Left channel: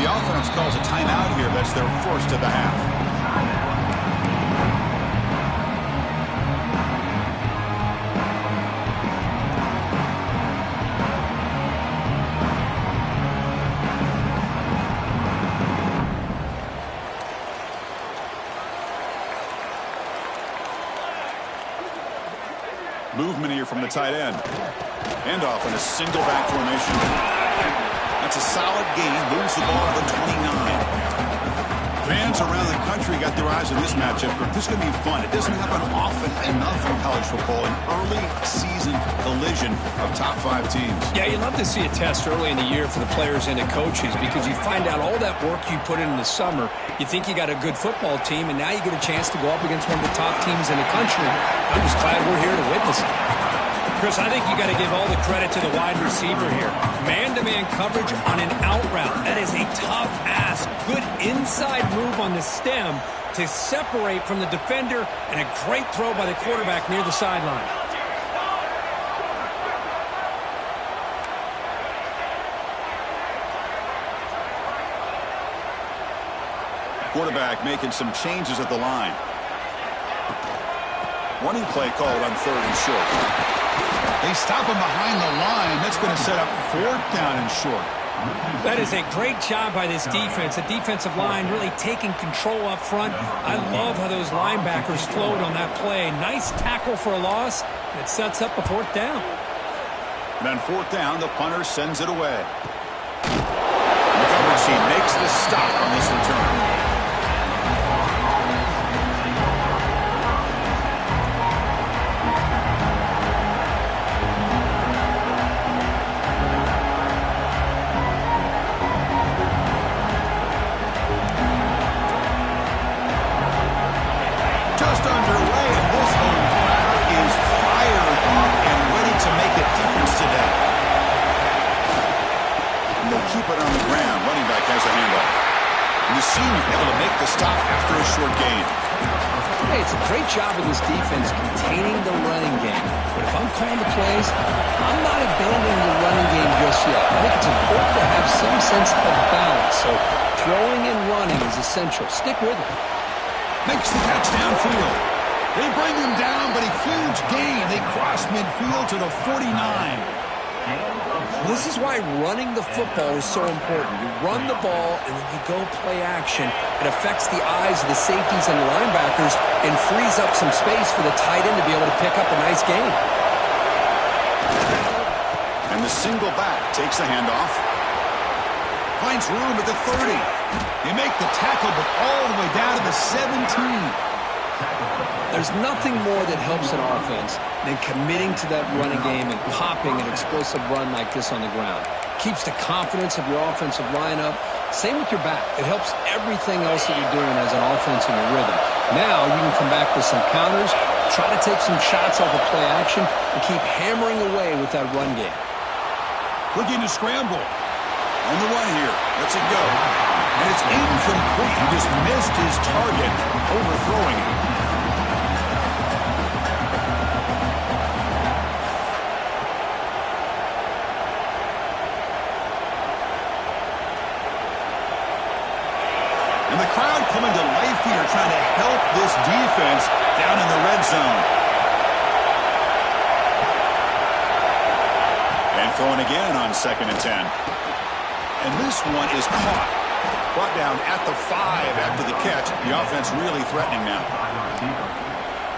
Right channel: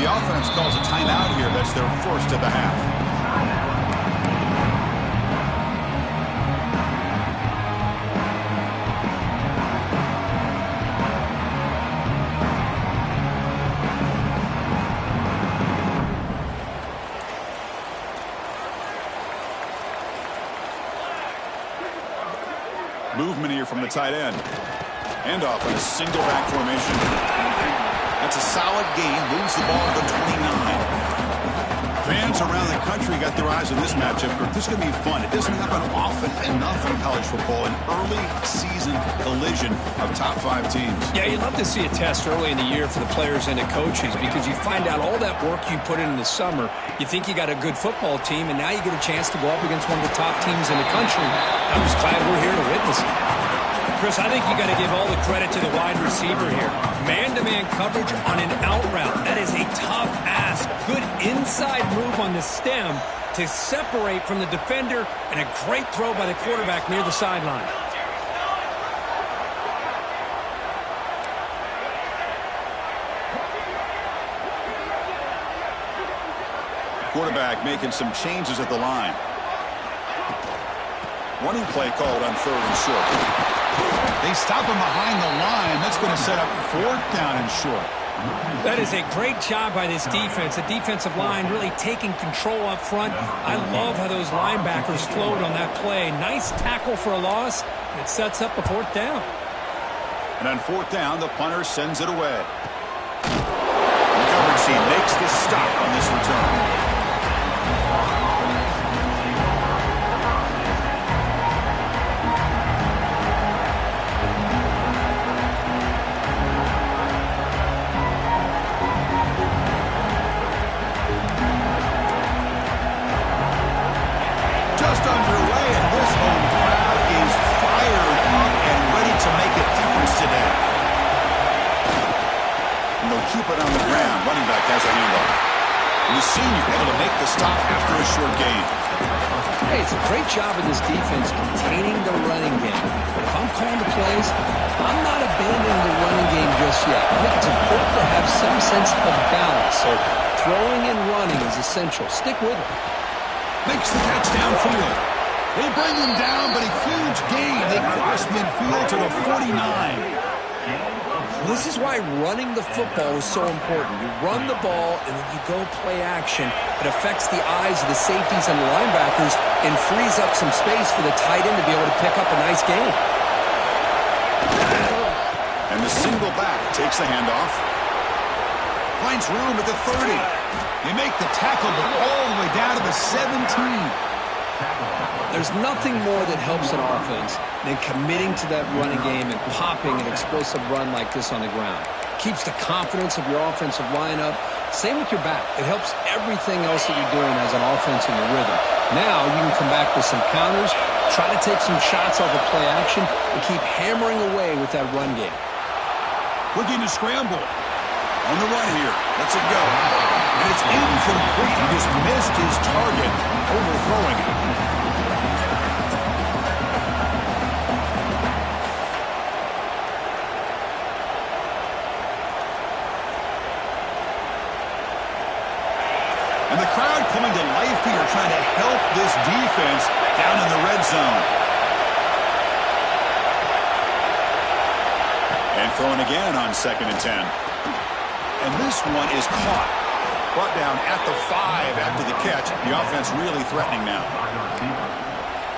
The offense calls a timeout here. That's their first of the half. Movement here from the tight end. Handoff in a single back formation. That's a solid gain. Moves the ball to the 29. Fans around the country got their eyes on this matchup. This is going to be fun. It doesn't happen often enough in college football. An early season collision of top 5 teams. Yeah, you love to see a test early in the year for the players and the coaches because you find out all that work you put in the summer. You think you got a good football team, and now you get a chance to go up against one of the top teams in the country. I'm just glad we're here to witness it. Chris, I think you got to give all the credit to the wide receiver here. Man-to-man coverage on an out route. That is a tough ask. Good inside move on the stem to separate from the defender, and a great throw by the quarterback near the sideline. Quarterback making some changes at the line. Running play called on 3rd and short. They stop him behind the line. That's going to set up 4th down and short. That is a great job by this defense. The defensive line really taking control up front. I love how those linebackers flowed on that play. Nice tackle for a loss. It sets up a 4th down. And on 4th down, the punter sends it away. The coverage team makes the stop on this return. Just underway, and this home crowd is fired up and ready to make a difference today. And they'll keep it on the ground. Running back has a handoff. And the senior able to make the stop after a short gain. Hey, it's a great job of this defense containing the running game. But if I'm calling the plays, I'm not abandoning the running game just yet. I think it's important to have some sense of balance. So throwing and running is essential. Stick with it. Makes the catch downfield. They bring him down, but a huge gain. They cross midfield to the 49. This is why running the football is so important. You run the ball, and then you go play action. It affects the eyes of the safeties and linebackers and frees up some space for the tight end to be able to pick up a nice gain. And the single back takes the handoff. Finds room at the 30. They make the tackle, but all the way down to the 17. There's nothing more that helps an offense than committing to that running game and popping an explosive run like this on the ground. Keeps the confidence of your offensive lineup. Same with your back. It helps everything else that you're doing as an offense in your rhythm. Now you can come back with some counters, try to take some shots off of play action, and keep hammering away with that run game. Looking to scramble. On the run here. Lets it go. And it's incomplete. He just missed his target, overthrowing it. And the crowd coming to life here, trying to help this defense down in the red zone. And throwing again on 2nd and 10. And this one is caught. Brought down at the 5 after the catch. The offense really threatening now.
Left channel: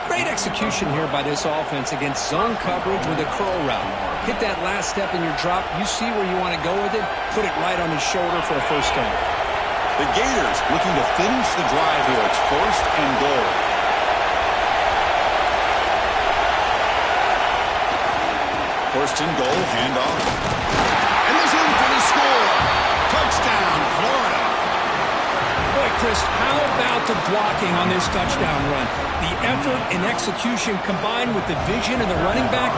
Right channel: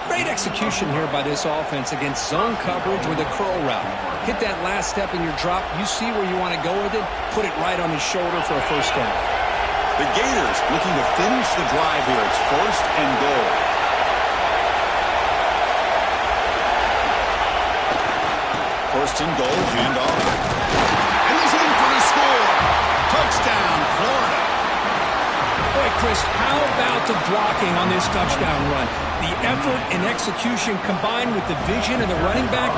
Great execution here by this offense against zone coverage with a curl route. Hit that last step in your drop. You see where you want to go with it. Put it right on his shoulder for a 1st down. The Gators looking to finish the drive here. It's 1st and goal. First and goal, handoff. And he's in for the score. Touchdown, Florida. Boy, Chris, how about the blocking on this touchdown run? The effort and execution combined with the vision of the running back,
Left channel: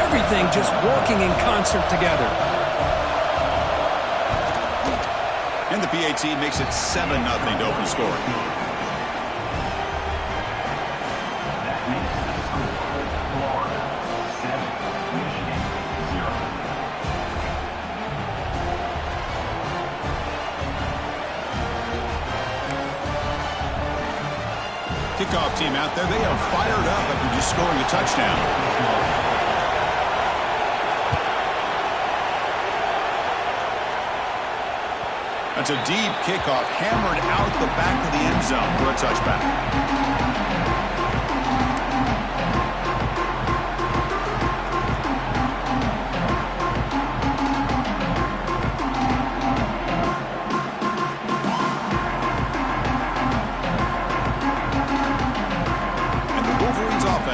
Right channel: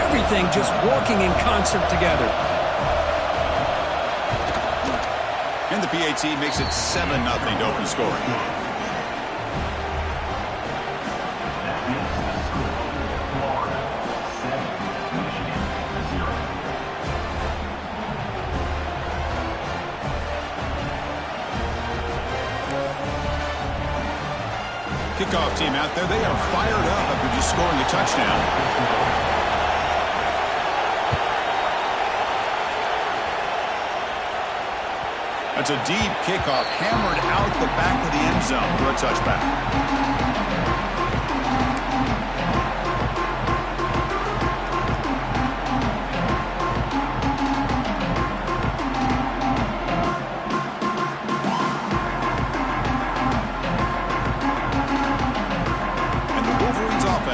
everything just working in concert together. And the PAT makes it 7-0 to open scoring. That makes the score Florida 7, Michigan 0. kickoff team out there. They are fired up after just scoring a touchdown. That's a deep kickoff, hammered out the back of the end zone for a touchback.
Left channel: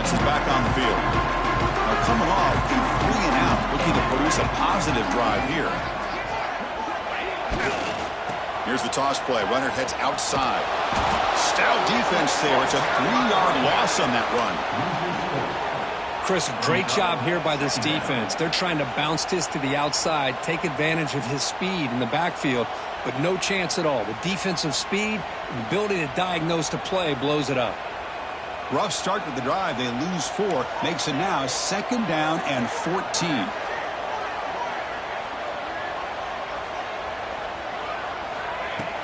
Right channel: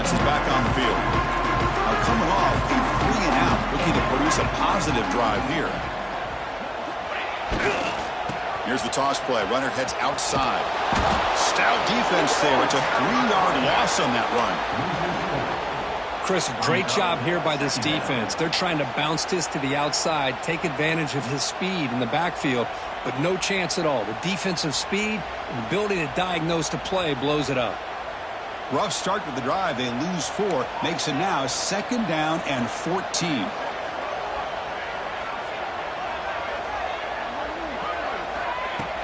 Is back on the field. Now coming off a 3-and-out, looking to produce a positive drive here. Here's the toss play. Runner heads outside. Stout defense there. It's a 3-yard loss on that run. Chris, great job here by this defense. They're trying to bounce this to the outside, take advantage of his speed in the backfield, but no chance at all. The defensive speed and ability to diagnose the play blows it up. Rough start to the drive. They lose 4. Makes it now 2nd down and 14.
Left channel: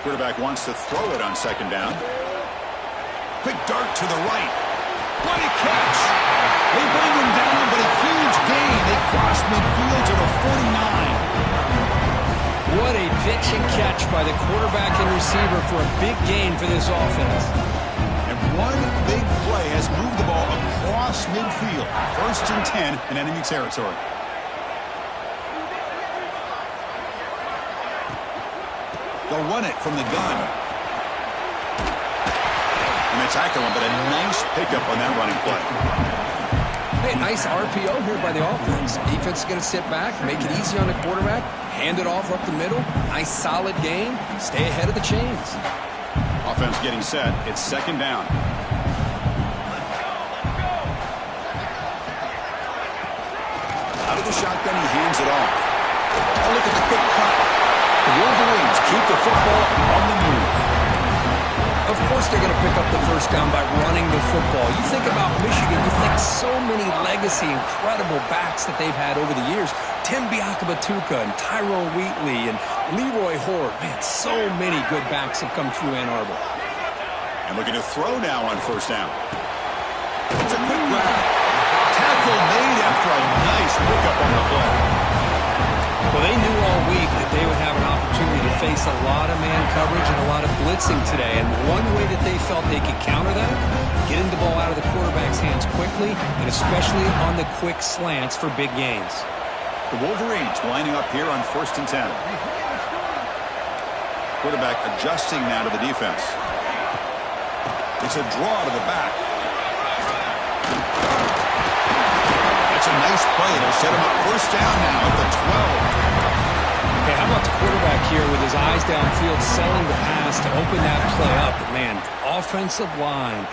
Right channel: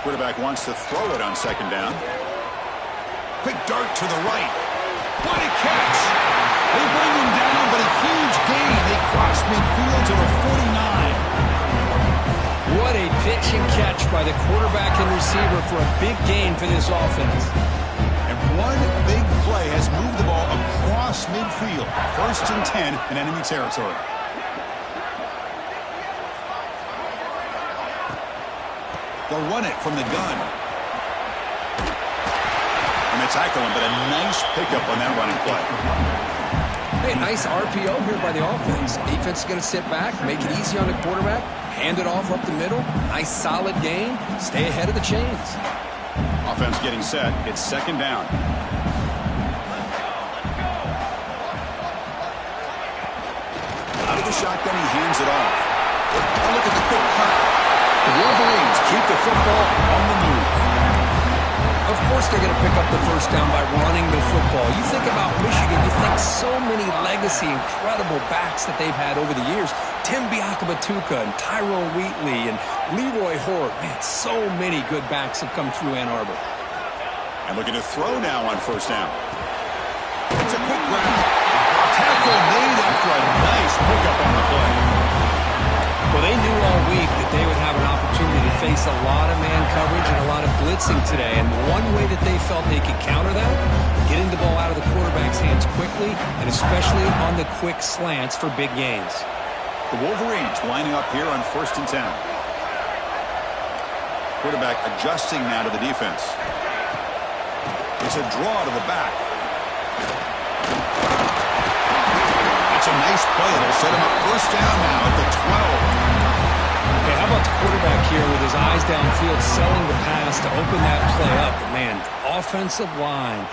Quarterback wants to throw it on 2nd down. Quick dart to the right. What a catch. They bring him down, but a huge gain. They cross midfield to the 49. What a pitch and catch by the quarterback and receiver for a big gain for this offense. And one big play has moved the ball across midfield. 1st and 10 in enemy territory. They'll run it from the gun. And they tackle him, but a nice pickup on that running play. Hey, nice RPO here by the offense. Defense is going to sit back, make it easy on the quarterback, hand it off up the middle. Nice solid gain. Stay ahead of the chains. Offense getting set. It's 2nd down. Out of the shotgun, he hands it off. Oh, look at the quick cut. The Wolverines keep the football on the move. Of course they're going to pick up the 1st down by running the football. You think about Michigan, you think so many legacy, incredible backs that they've had over the years. Tim Biakabatuka and Tyrone Wheatley and Leroy Horde. Man, so many good backs have come through Ann Arbor. And looking to throw now on 1st down. It's a quick grab. Tackle made after a nice pickup on the play. Well, they knew all week that they would have an opportunity to face a lot of man coverage and a lot of blitzing today. And one way that they felt they could counter that, getting the ball out of the quarterback's hands quickly, and especially on the quick slants for big gains. The Wolverines lining up here on 1st and 10. Quarterback adjusting now to the defense. It's a draw to the back. That's a nice play. It'll set him up 1st down now at the 12. Hey, how about the quarterback here with his eyes downfield, selling the pass to open that play up? But man, offensive line,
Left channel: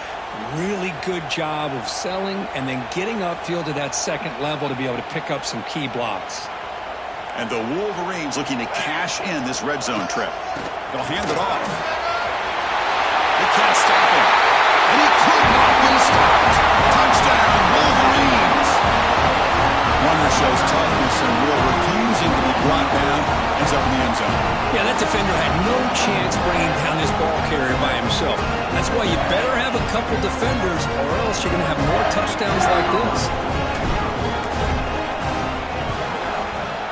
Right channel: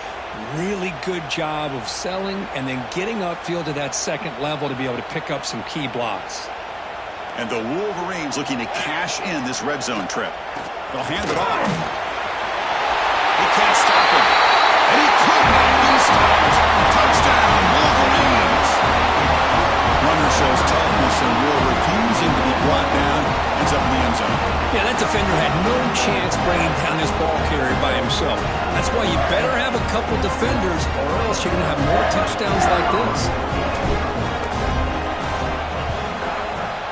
really good job of selling and then getting upfield to that 2nd level to be able to pick up some key blocks. And the Wolverines looking to cash in this red zone trip. They'll hand it off. They can't stop him. And he could not be stopped. Touchdown, Wolverines. Runner shows toughness and will, refusing to be brought down. Ends up in the end zone. Yeah, that defender had no chance bringing down this ball carrier by himself. That's why you better have a couple defenders or else you're going to have more touchdowns like this.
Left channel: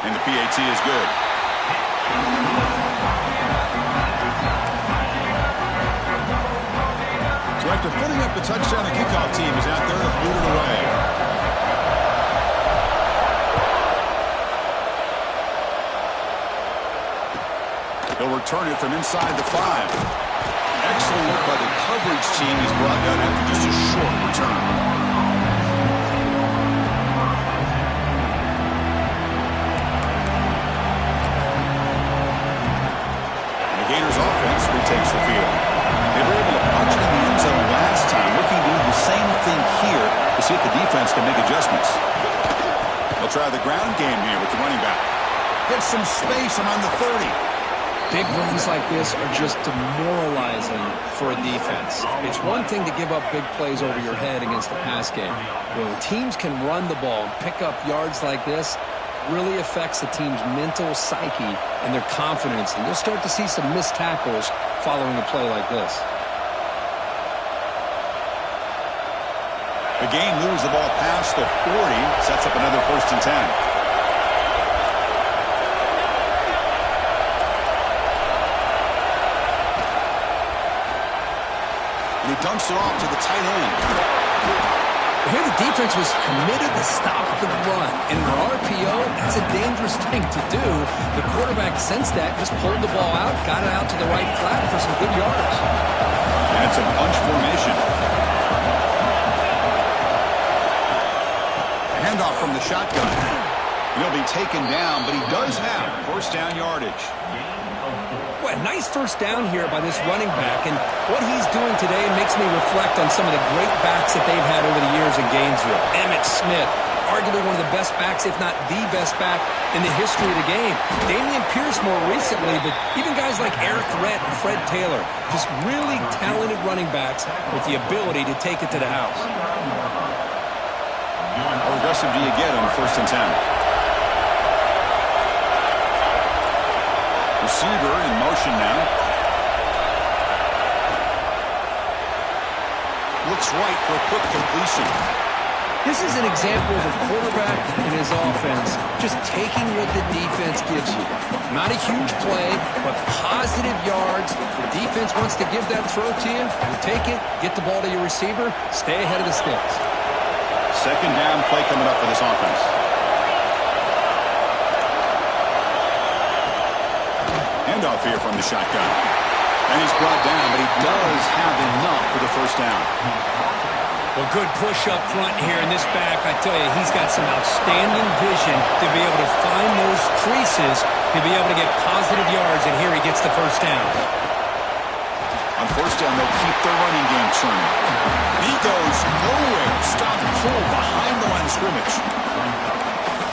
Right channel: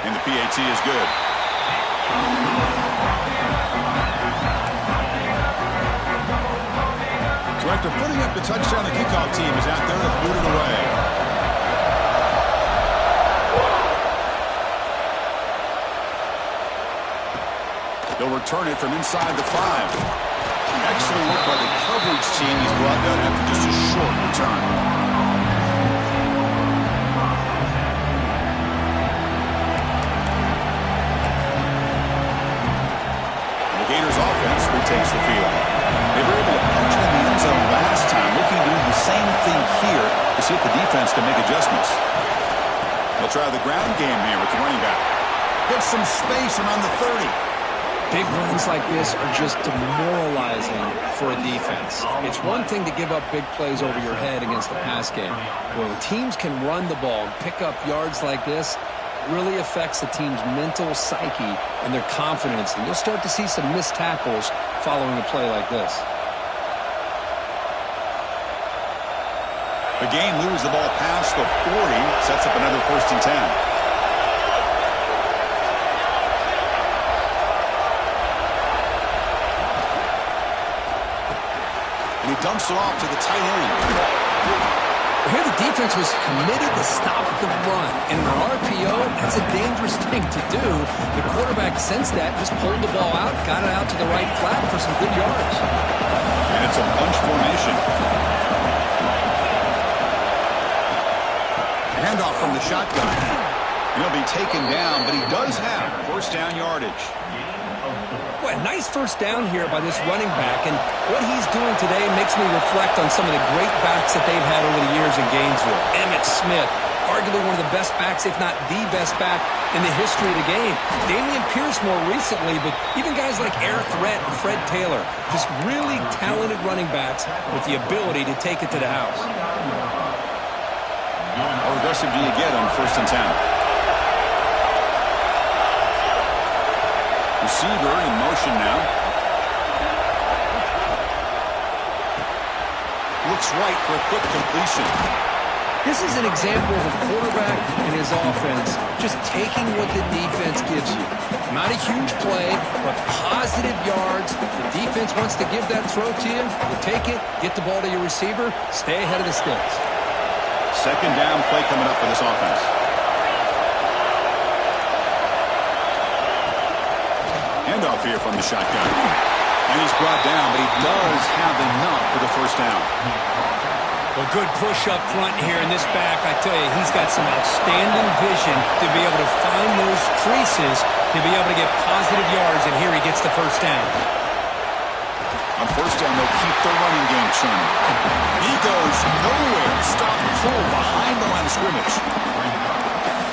And the PAT is good. So after putting up the touchdown, the kickoff team is out there to boot it away. He'll return it from inside the 5. Excellent work by the coverage team. He's brought down after just a short return. And the Gators offense retakes the field. They were able to punch it in the end zone last time, looking to do the same thing here to see if the defense can make adjustments. They'll try the ground game here with the running back. Get some space around the 30. Big runs like this are just demoralizing for a defense. It's one thing to give up big plays over your head against the pass game. When teams can run the ball and pick up yards like this, it really affects the team's mental psyche and their confidence. And you'll start to see some missed tackles following a play like this. The game moves the ball past the 40, sets up another 1st and 10. And he dumps it off to the tight end. Here the defense was committed to stop the run. And in an RPO, that's a dangerous thing to do. The quarterback sensed that, just pulled the ball out, got it out to the right flat for some good yards. And it's a bunch formation. Handoff from the shotgun. And he'll be taken down, but he does have 1st down yardage. Well, nice 1st down here by this running back, and what he's doing today makes me reflect on some of the great backs that they've had over the years in Gainesville. Emmitt Smith, arguably one of the best backs, if not the best back in the history of the game. Damian Pierce more recently, but even guys like Eric Rhett and Fred Taylor, just really talented running backs with the ability to take it to the house. How aggressive do you get on 1st and 10? Receiver in motion now. Looks right for a quick completion. This is an example of a quarterback and his offense just taking what the defense gives you. Not a huge play, but positive yards. The defense wants to give that throw to you. You take it, get the ball to your receiver, stay ahead of the sticks. 2nd down play coming up for this offense. Handoff here from the shotgun. And he's brought down, but he does have enough for the 1st down. Well, good push up front here in this back. I tell you, he's got some outstanding vision to be able to find those creases, to be able to get positive yards, and here he gets the 1st down. On 1st down, they'll keep the running game churning. And he goes nowhere. Stop pull behind the line of scrimmage.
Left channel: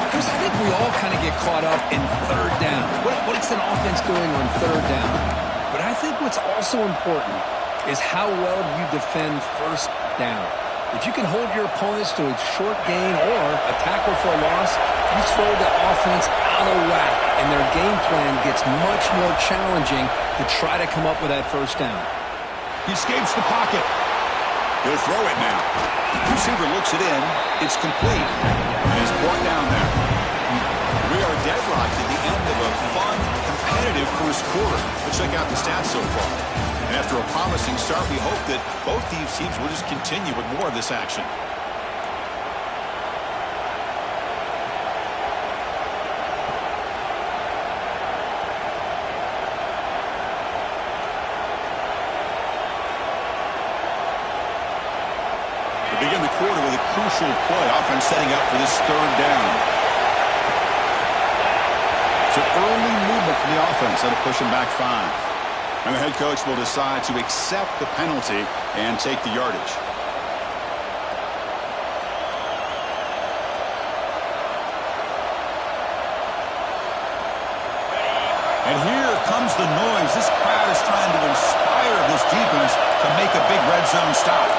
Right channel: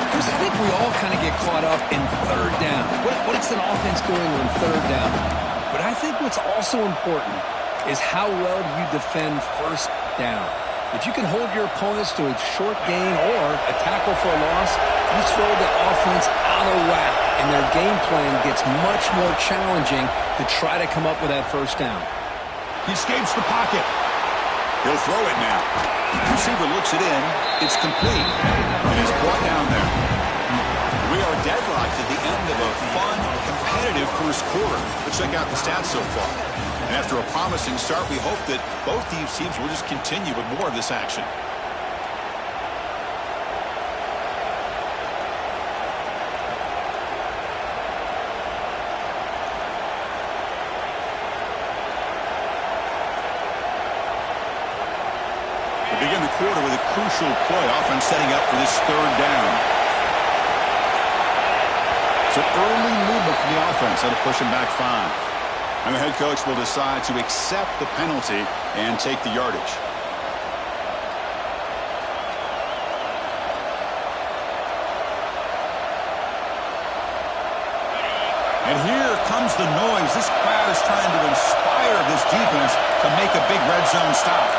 Because I think we all kind of get caught up in 3rd down. What is an offense doing on 3rd down? But I think what's also important is how well you defend 1st down. If you can hold your opponents to a short gain or a tackle for a loss, you throw the offense out of whack, and their game plan gets much more challenging to try to come up with that 1st down. He escapes the pocket. He'll throw it now. Receiver looks it in. It's complete. And he's brought down there. We are deadlocked at the end of a fun, competitive 1st quarter. Let's check out the stats so far. And after a promising start, we hope that both these teams will just continue with more of this action. We begin the quarter with a crucial play. Offense setting up for this 3rd down. So early movement from the offense. That'll push him back 5. And the head coach will decide to accept the penalty and take the yardage. And here comes the noise. This crowd is trying to inspire this defense to make a big red zone stop.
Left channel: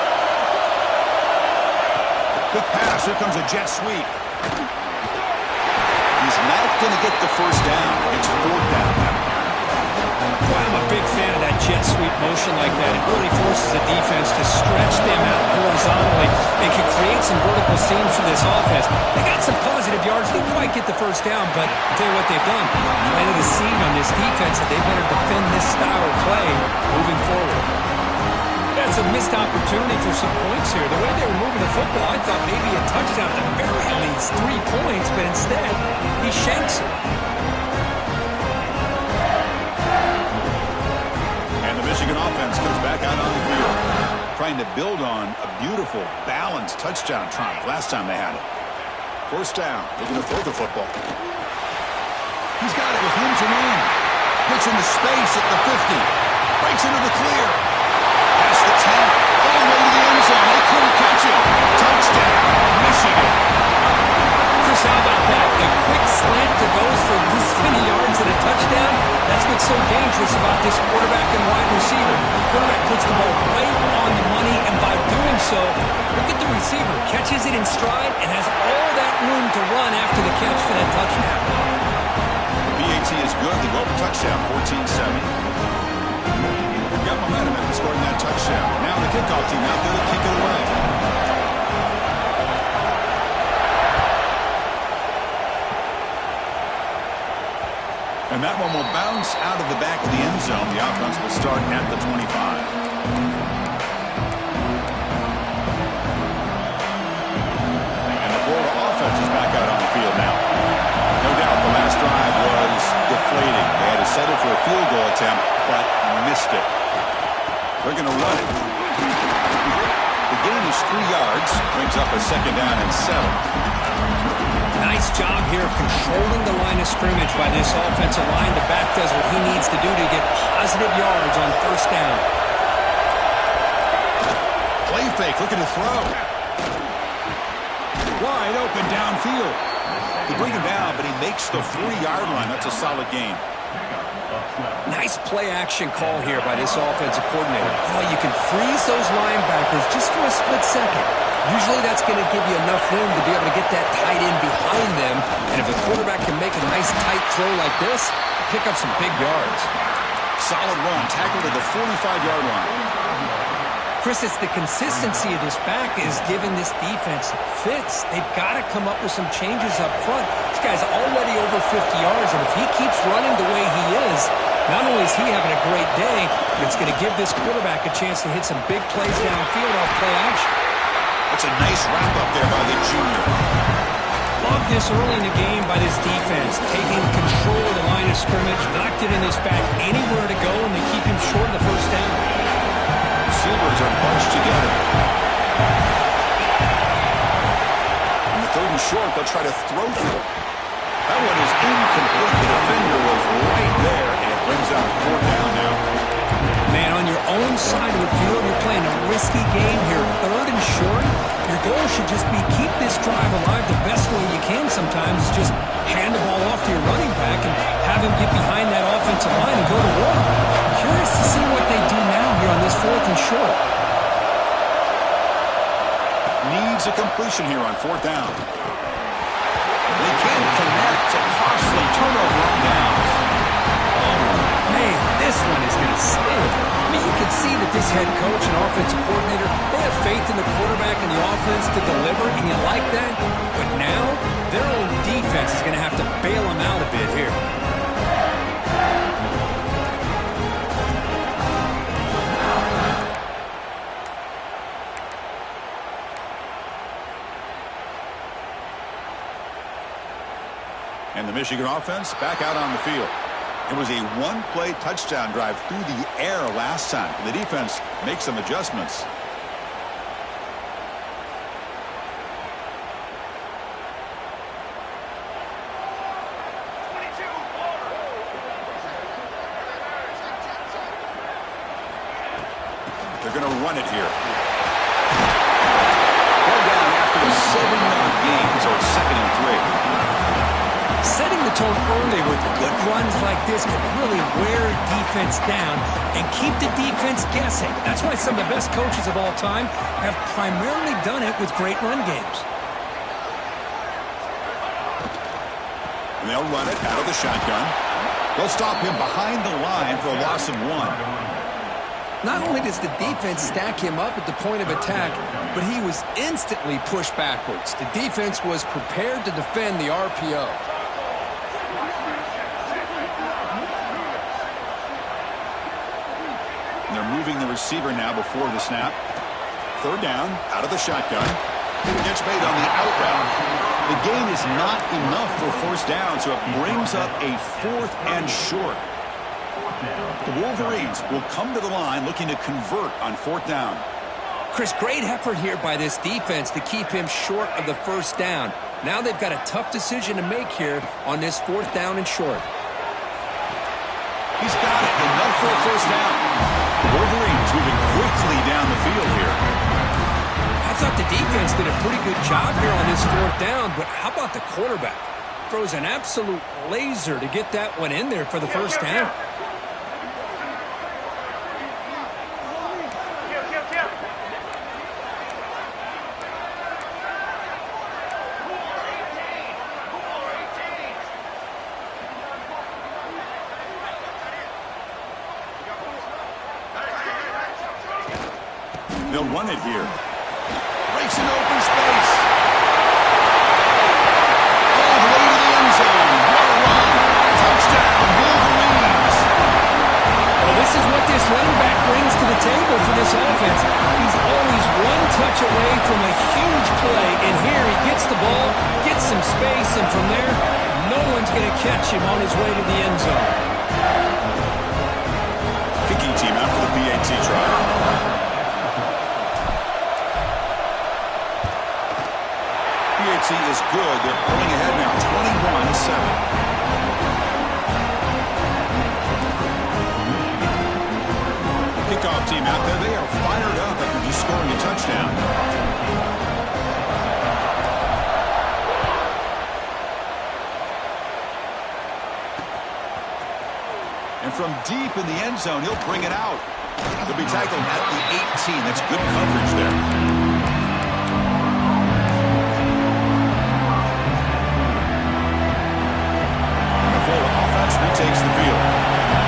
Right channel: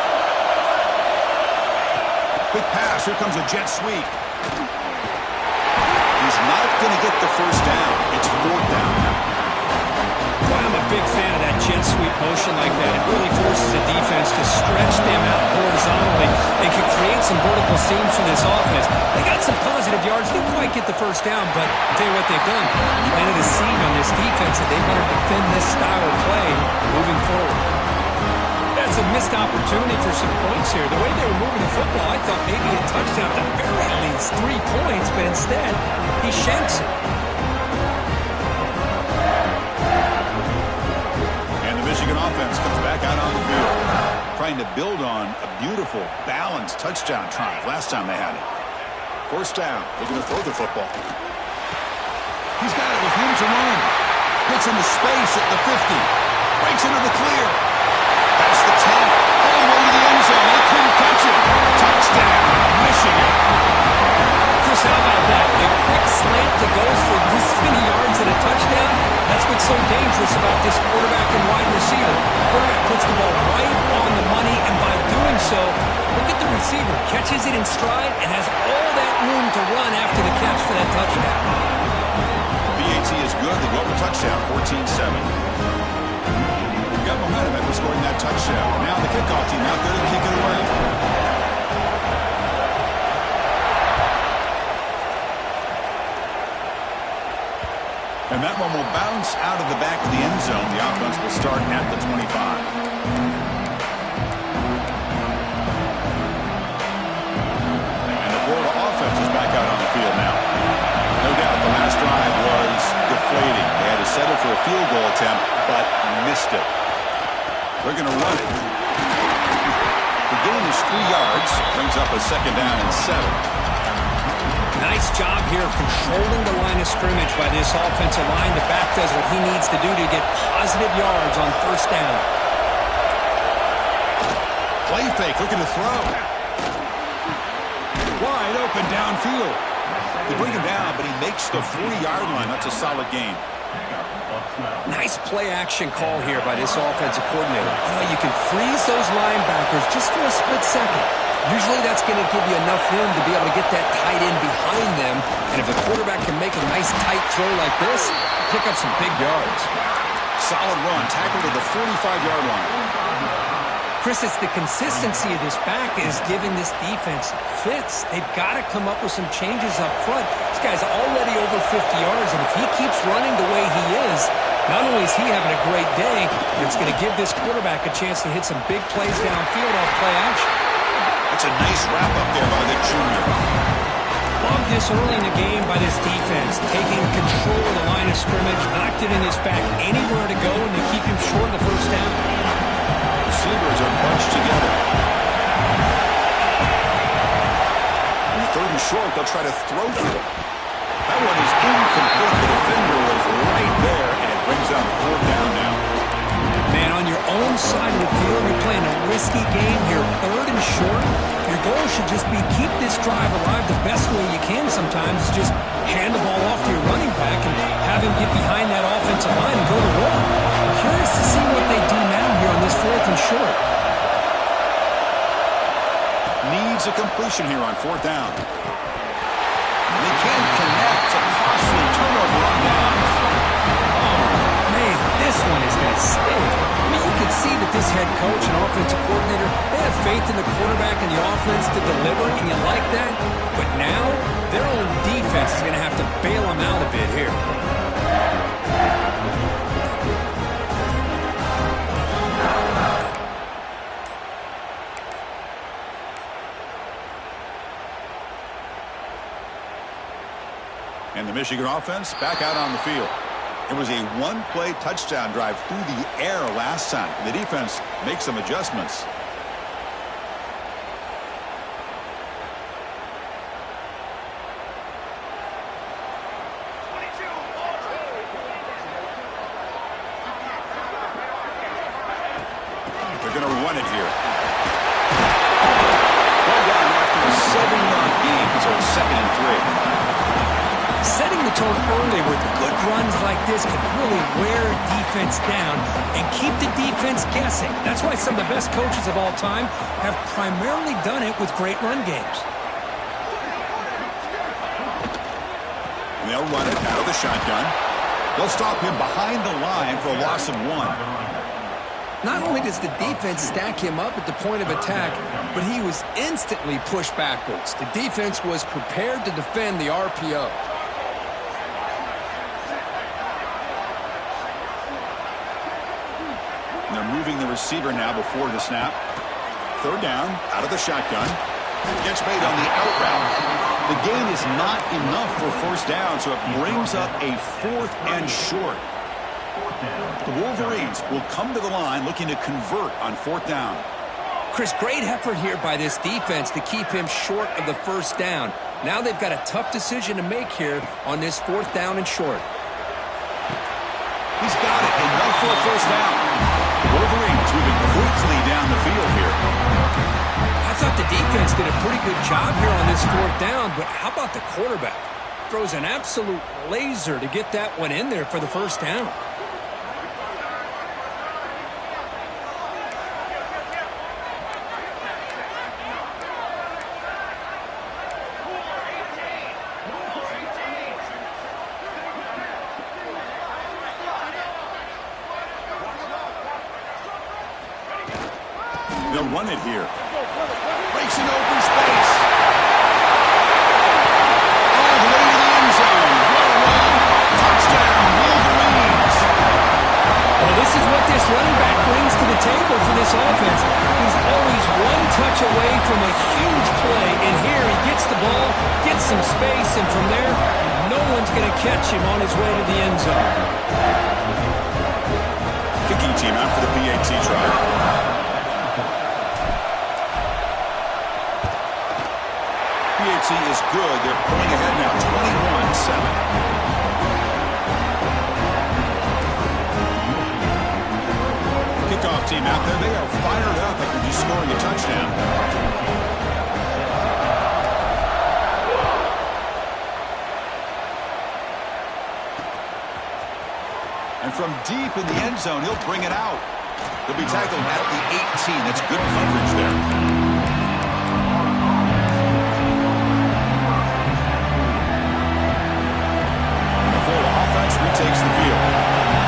Quick pass. Here comes a jet sweep. He's not going to get the 1st down. It's 4th down now. Boy, I'm a big fan of that jet sweep motion like that. It really forces the defense to stretch them out horizontally and can create some vertical seams for this offense. They got some positive yards. Didn't quite get the 1st down, but I'll tell you what they've done. Planted a seed on this defense that they better defend this style of play moving forward. That's a missed opportunity for some points here. The way they were moving the football, I thought maybe a touchdown, at the very least 3 points, but instead, he shanks it. Michigan offense comes back out on the field, trying to build on a beautiful, balanced touchdown triumph last time they had it. 1st down, looking to throw the football. He's got it with room to run. Gets into space at the 50. Breaks into the clear. Past the 10. All the way to the end zone. They couldn't catch him. Touchdown, Michigan. Chris, how about that? A quick slant that goes for this many yards and a touchdown. That's what's so dangerous about this quarterback and wide receiver. The quarterback puts the ball right on the money, and by doing so, look at the receiver. Catches it in stride and has all that room to run after the catch for that touchdown. BAT is good. They go up a touchdown, 14-7. We've got momentum after scoring that touchdown. Now the kickoff team out there to kick it away. And that one will bounce out of the back of the end zone. The offense will start at the 25. And the Florida offense is back out on the field now. No doubt the last drive was deflating. They had to settle for a field goal attempt, but missed it. They're going to run it. The gain is 3 yards. Brings up a second down and 7. Nice job here of controlling the line of scrimmage by this offensive line. The back does what he needs to do to get positive yards on first down. Play fake, looking to throw. Wide open downfield. They bring him down, but he makes the 40-yard line. That's a solid gain. Nice play action call here by this offensive coordinator. You know, you can freeze those linebackers just for a split second. Usually that's going to give you enough room to be able to get that tight end behind them. And if the quarterback can make a nice tight throw like this, pick up some big yards. Solid run, tackle to the 45-yard line. Chris, it's the consistency of this back is giving this defense fits. They've got to come up with some changes up front. This guy's already over 50 yards, and if he keeps running the way he is, not only is he having a great day, but it's going to give this quarterback a chance to hit some big plays downfield off play action. That's a nice wrap-up there by the junior. Love this early in the game by this defense, taking control of the line of scrimmage, not giving this back anywhere to go, and they keep him short of the first down. Receivers are bunched together. On the 3rd and short, they'll try to throw through. That one is incomplete. The defender was right there, and it brings up 4th down now. Man, on your own side of the field, you're playing a risky game here. 3rd and short. Your goal should just be keep this drive alive the best way you can sometimes. Just hand the ball off to your running back and have him get behind that offensive line and go to work. Curious to see what they do now here on this 4th and short. Needs a completion here on 4th down. They can't connect. A costly turnover on downs. Man, this one is going to sting. I mean, you can see that this head coach and offensive coordinator, they have faith in the quarterback and the offense to deliver, and you like that. But now, their own defense is going to have to bail them out a bit here. And the Michigan offense back out on the field. It was a one-play touchdown drive through the air last time. The defense makes some adjustments. They're going to run it here. One down after a 7-yard gain, so it's 2nd and 3. Setting the tone early with good runs like this can really wear defense down and keep the defense guessing. That's why some of the best coaches of all time have primarily done it with great run games. And they'll run it out of the shotgun. They'll stop him behind the line for a loss of 1. Not only does the defense stack him up at the point of attack, but he was instantly pushed backwards. The defense was prepared to defend the RPO. And they're moving the receiver now before the snap. 3rd down, out of the shotgun. Gets made on the out route. The gain is not enough for 1st down, so it brings up a 4th and short. The Wolverines will come to the line looking to convert on 4th down. Chris, great effort here by this defense to keep him short of the first down. Now they've got a tough decision to make here on this 4th down and short. He's got it. Enough for a 1st down. The Wolverines moving quickly down the field here. I thought the defense did a pretty good job here on this 4th down, but how about the quarterback? Throws an absolute laser to get that one in there for the 1st down. They'll run it here. Breaks in open space. All the way to the end zone. What a run. Touchdown, This is what this running back brings to the table for this offense. He's always one touch away from a huge play, and here he gets the ball, gets some space, and from there, no one's going to catch him on his way to the end zone. Kicking team out for the PAT try. PAT is good. They're pulling ahead now, 21-7. Kickoff team out there. They are fired up after just scoring a touchdown. And from deep in the end zone, he'll bring it out. He'll be tackled at the 18. That's good coverage there. And the Florida offense retakes the field.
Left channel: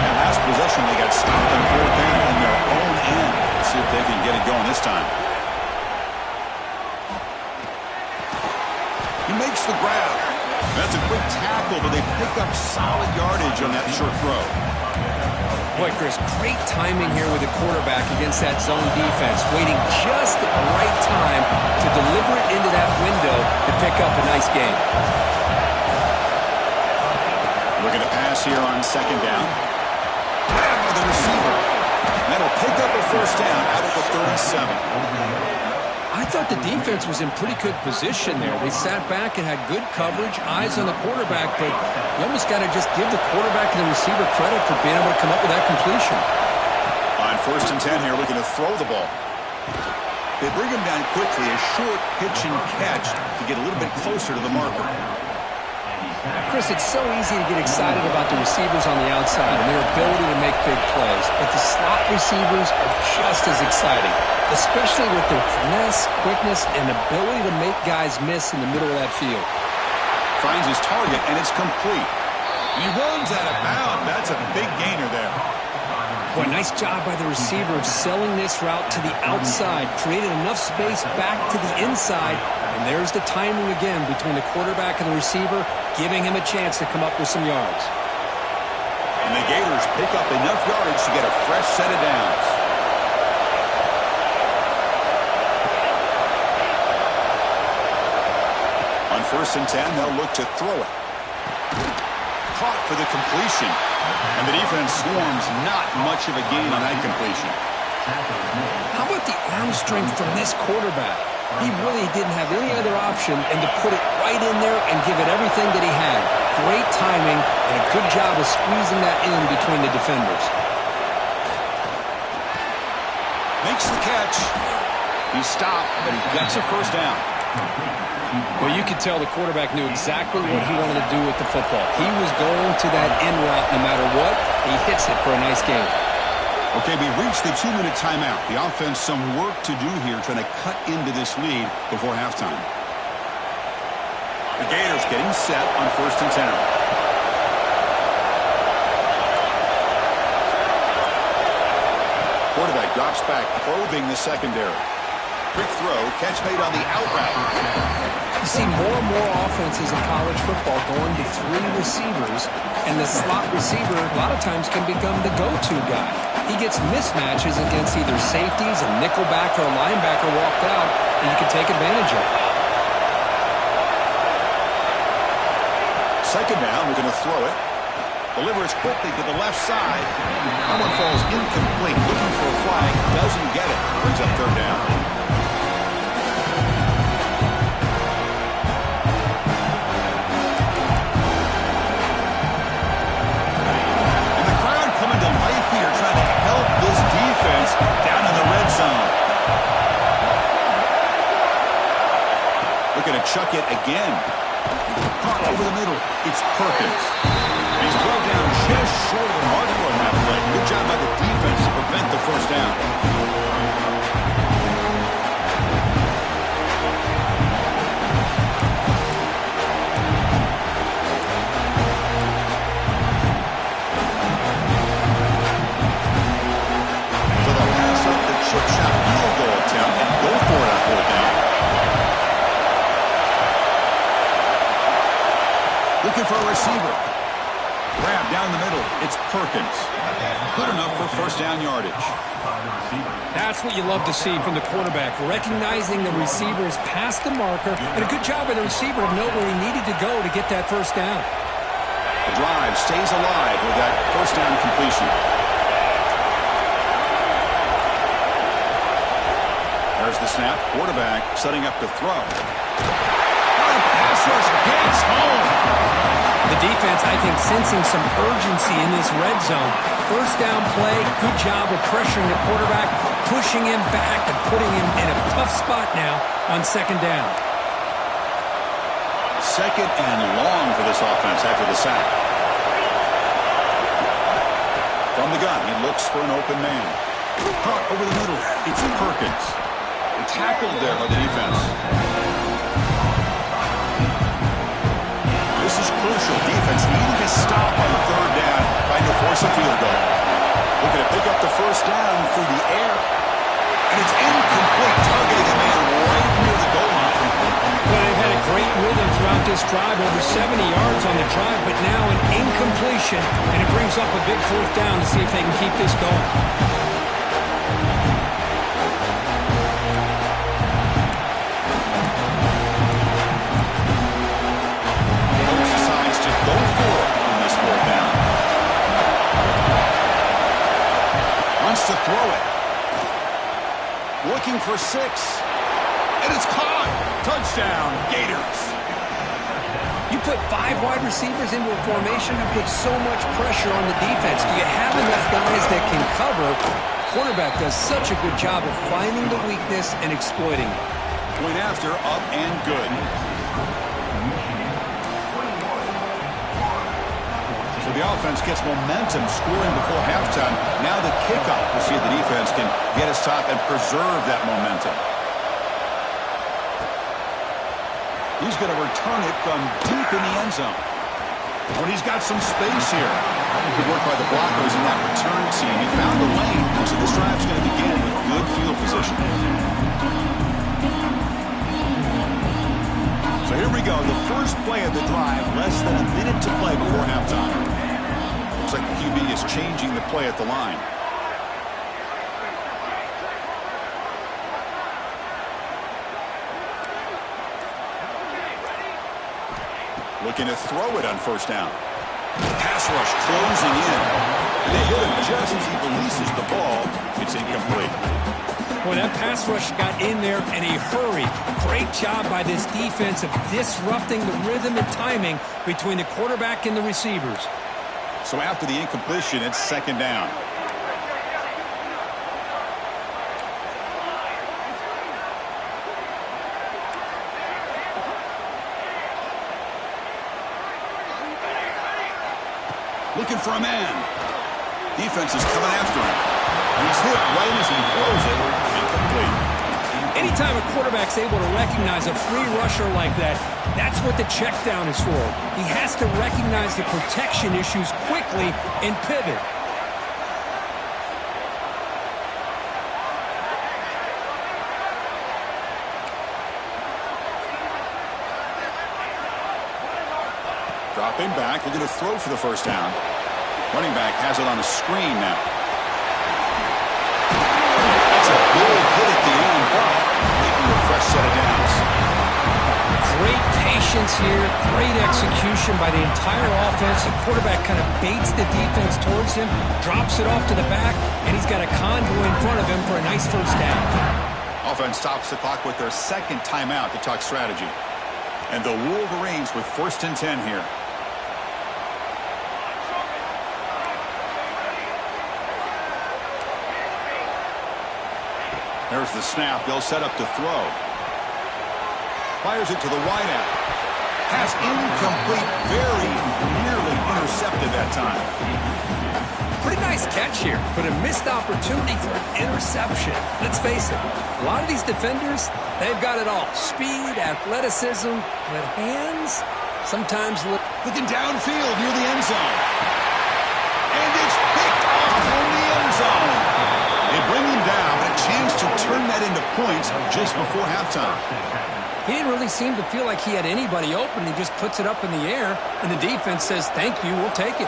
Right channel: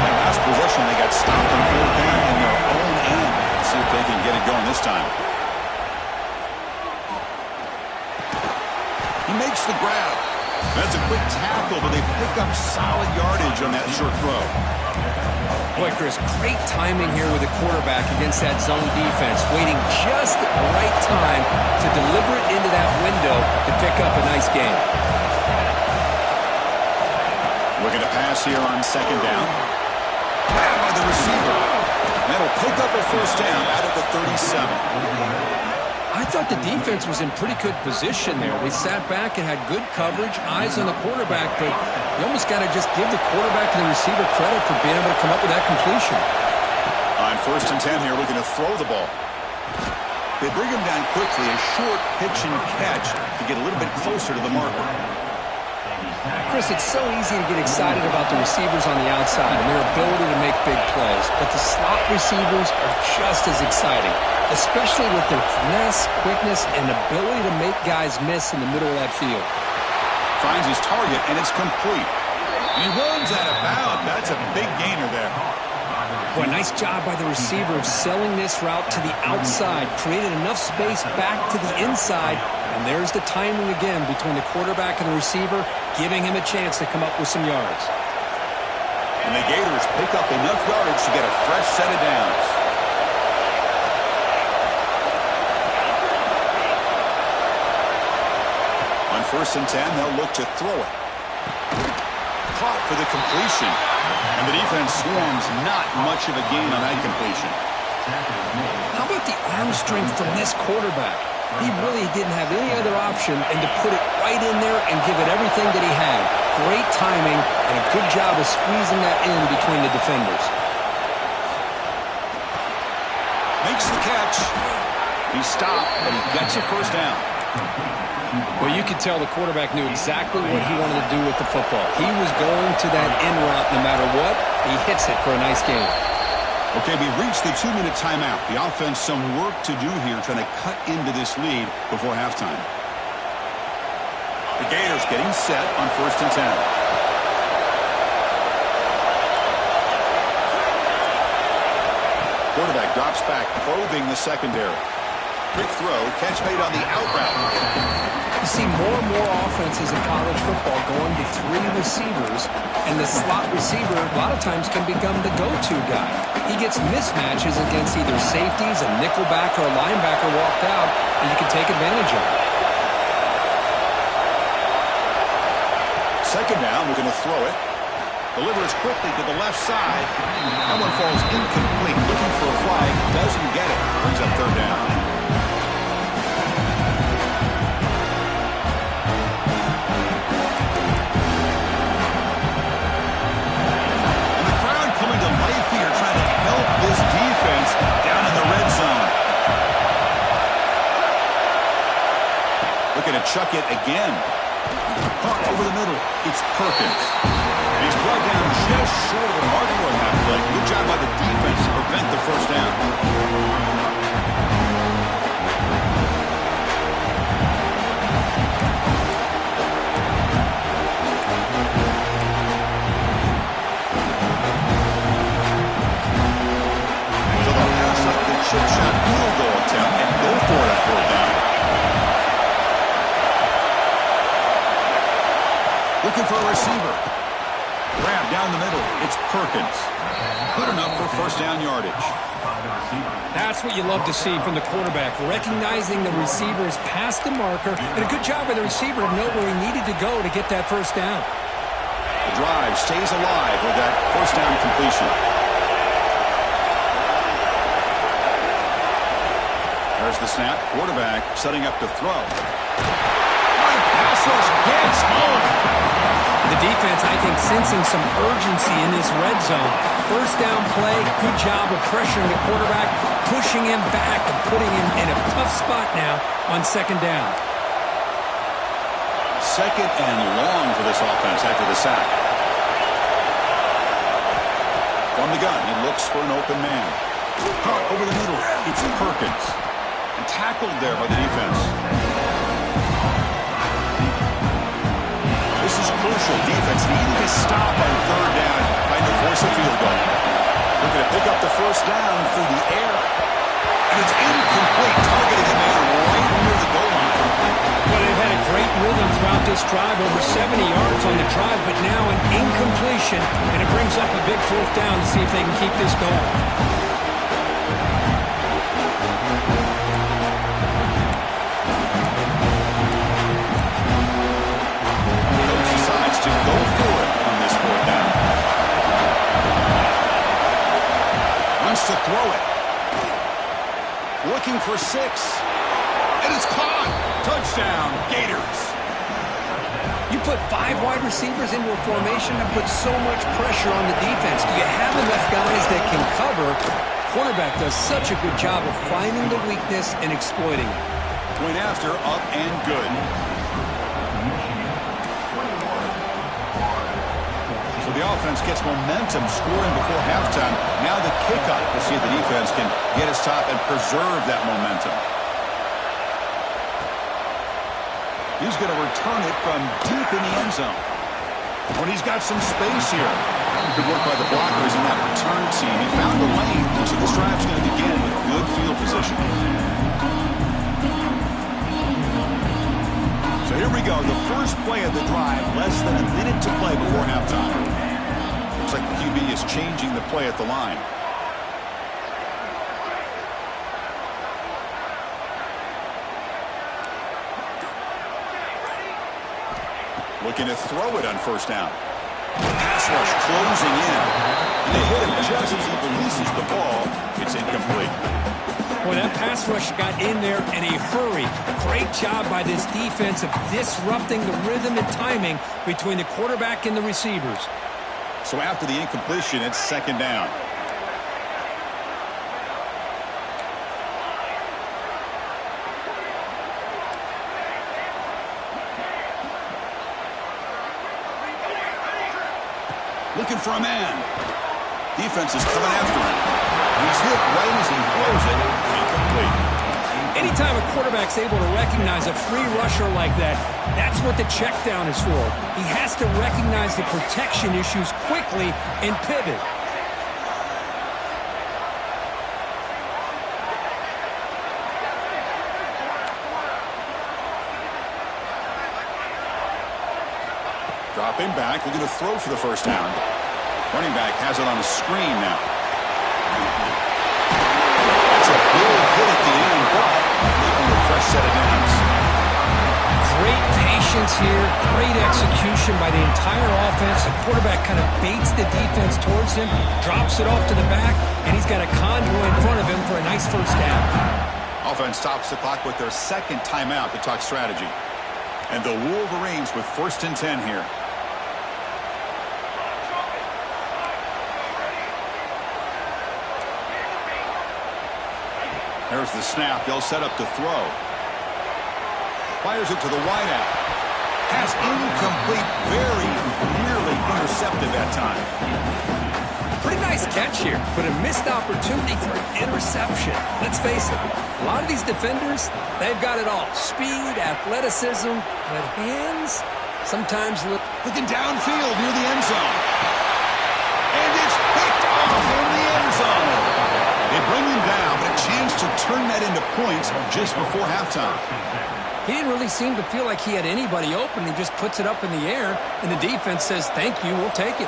That last possession, they got stopped on fourth down in their own end. Let's see if they can get it going this time. He makes the grab. That's a quick tackle, but they pick up solid yardage on that short throw. Boy, Chris, great timing here with the quarterback against that zone defense, waiting just at the right time to deliver it into that window to pick up a nice gain. Looking to pass here on second down. Grab by the receiver. That'll pick up a first down out of the 37. I thought the defense was in pretty good position there. They sat back and had good coverage, eyes on the quarterback, but you almost got to just give the quarterback and the receiver credit for being able to come up with that completion. On first and 10 here, looking to throw the ball. They bring him down quickly, a short pitch and catch to get a little bit closer to the marker. Chris, it's so easy to get excited about the receivers on the outside and their ability to make big plays, but the slot receivers are just as exciting, especially with their finesse, quickness, and ability to make guys miss in the middle of that field. Finds his target, and it's complete. And he runs out of bounds. That's a big gainer there. Boy, nice job by the receiver of selling this route to the outside, created enough space back to the inside, and there's the timing again between the quarterback and the receiver, giving him a chance to come up with some yards. And the Gators pick up enough yardage to get a fresh set of downs. On first and 10, they'll look to throw it. Caught for the completion. And the defense swarms, not much of a gain on that completion. How about the arm strength from this quarterback? He really didn't have any other option than to put it right in there and give it everything that he had. Great timing and a good job of squeezing that in between the defenders. Makes the catch. He stopped, but he gets a first down. Well, you could tell the quarterback knew exactly what he wanted to do with the football. He was going to that in route no matter what. He hits it for a nice gain. Okay, we reached the 2-minute timeout. The offense some work to do here, trying to cut into this lead before halftime. The Gators getting set on first and 10. Quarterback drops back, probing the secondary. Quick throw, catch made on the out route. You see more and more offenses in college football going to three receivers, and the slot receiver a lot of times can become the go-to guy. He gets mismatches against either safeties, a nickelback, or a linebacker walked out, and you can take advantage of it. Second down, we're going to throw it. Delivers quickly to the left side. That one falls incomplete. Looking for a flag. Doesn't get it. Brings up third down. Coming to life here, trying to help this defense down in the red zone. Looking to chuck it again. Caught over the middle. It's Perkins. He's brought down just short of the mark for that play. Good job by the defense to prevent the first down. Chip shot field goal attempt and go for it on fourth down. Looking for a receiver. Grab down down the middle. It's Perkins. Good enough for first down yardage. That's what you love to see from the quarterback, recognizing the receiver is past the marker, and a good job by the receiver to know where he needed to go to get that first down. The drive stays alive with that first down completion. There's the snap. Quarterback setting up to throw. The pass rush gets home. The defense, I think, sensing some urgency in this red zone. First down play, good job of pressuring the quarterback, pushing him back and putting him in a tough spot now on second down. Second and long for this offense after the sack. From the gun, he looks for an open man. Caught over the middle. It's Perkins. And tackled there by the defense. This is crucial. Defense needing to stop on third down, trying to force a field goal. Looking to pick up the first down through the air. And it's incomplete, targeting a man right near the goal line. Well, they've had a great rhythm throughout this drive, over 70 yards on the drive, but now an incompletion, and it brings up a big fourth down to see if they can keep this going. To go for it on this fourth down. Wants to throw it. Looking for 6. And it's caught. Touchdown, Gators. You put 5 wide receivers into a formation and put so much pressure on the defense. Do you have enough guys that can cover? Quarterback does such a good job of finding the weakness and exploiting it. Point after, up and good. So the offense gets momentum scoring before halftime. Now the kickoff. We'll see if the defense can get a stop and preserve that momentum. He's going to return it from deep in the end zone. When he's got some space here. Good work by the blockers in that return team. He found the lane. So this drive's going to begin with good field position. So here we go, the first play of the drive, less than a minute to play before halftime. Looks like the QB is changing the play at the line. Looking to throw it on first down. Pass rush closing in. And they hit him just as he releases the ball. It's incomplete. Well, that pass rush got in there in a hurry. Great job by this defense of disrupting the rhythm and timing between the quarterback and the receivers. So after the incompletion, it's second down. Looking for a man. Defense is coming after him. He's hit right as he throws it. Incomplete. Anytime a quarterback's able to recognize a free rusher like that, that's what the check down is for. He has to recognize the protection issues quickly and pivot. Dropping back, looking to throw for the first down. Running back has it on a screen now. That's a big hit at the end, but making a fresh set of downs. Great patience here, great execution by the entire offense. The quarterback kind of baits the defense towards him, drops it off to the back, and he's got a convoy in front of him for a nice first down. Offense stops the clock with their second timeout to talk strategy. And the Wolverines with 1st and 10 here. There's the snap. They'll set up to throw. Fires it to the wideout. Pass incomplete. Very nearly intercepted that time. Pretty nice catch here, but a missed opportunity for an interception. Let's face it, a lot of these defenders, they've got it all. Speed, athleticism, but hands sometimes look... Looking downfield near the end zone. And it's picked off in the end zone. They bring him down, but a chance to turn that into points just before halftime. He didn't really seem to feel like he had anybody open. He just puts it up in the air, and the defense says, thank you, we'll take it.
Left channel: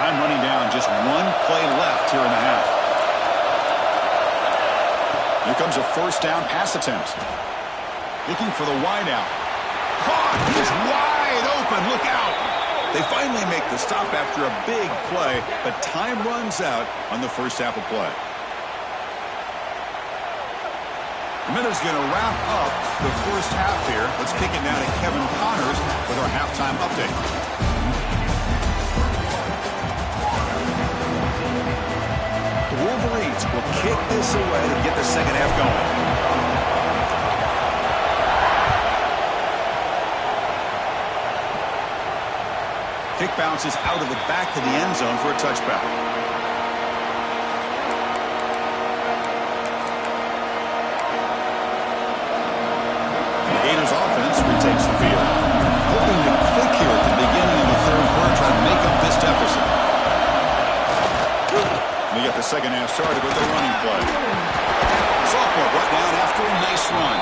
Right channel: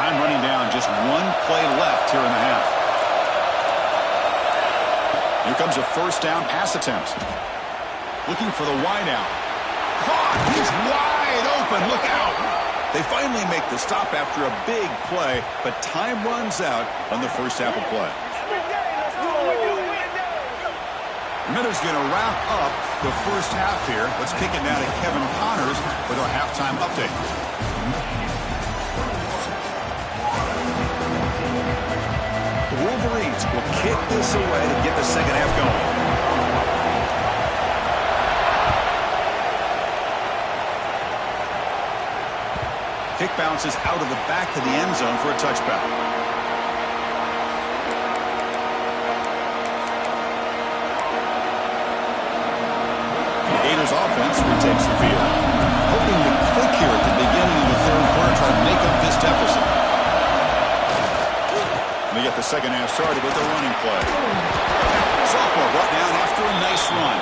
Time running down, just one play left here in the half. Here comes a first down pass attempt. Looking for the wide out. Caught! He's wide open. Look out! They finally make the stop after a big play, but time runs out on the first half of play. The Miners going to wrap up the first half here. Let's kick it now to Kevin Connors with our halftime update. The Wolverines will kick this away to get the second half going. Kick bounces out of the back of the end zone for a touchback. The Gators offense retakes the field. Hoping to click here at the beginning of the third quarter, try to make up this deficit. We get the second half started with a running play. Sophomore brought down after a nice run.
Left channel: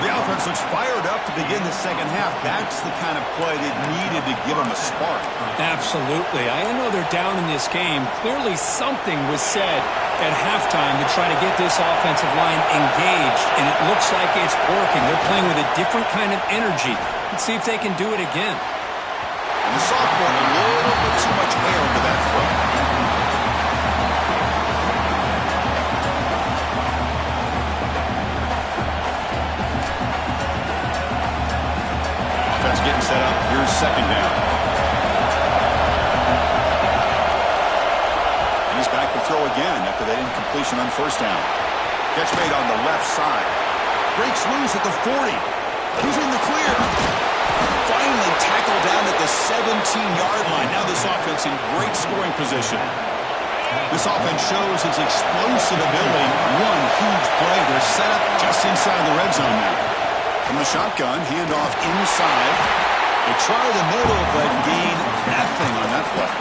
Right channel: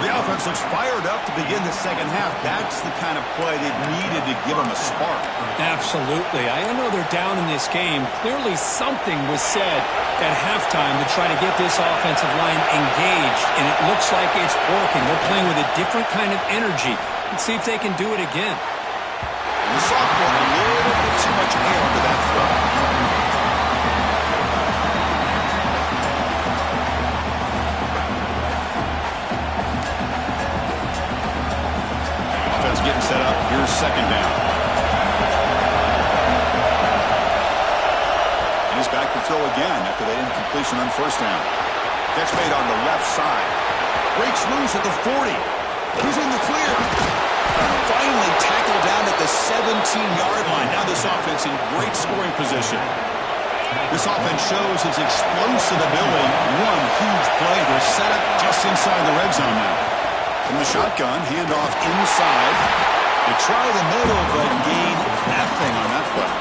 The offense looks fired up to begin the second half. That's the kind of play they needed to give them a spark. Absolutely. I know they're down in this game. Clearly something was said at halftime to try to get this offensive line engaged, and it looks like it's working. They're playing with a different kind of energy. Let's see if they can do it again. And the sophomore, a little bit too much air into that throw. Offense getting set up. Here's second down. And he's back to throw again after that incompletion on first down. Catch made on the left side. Breaks loose at the 40. He's in the clear. Finally tackled down at the 17-yard line. Now this offense in great scoring position. This offense shows its explosive ability. One huge play. They're set up just inside the red zone now. From the shotgun, handoff inside. They try the middle, but gain nothing on that play.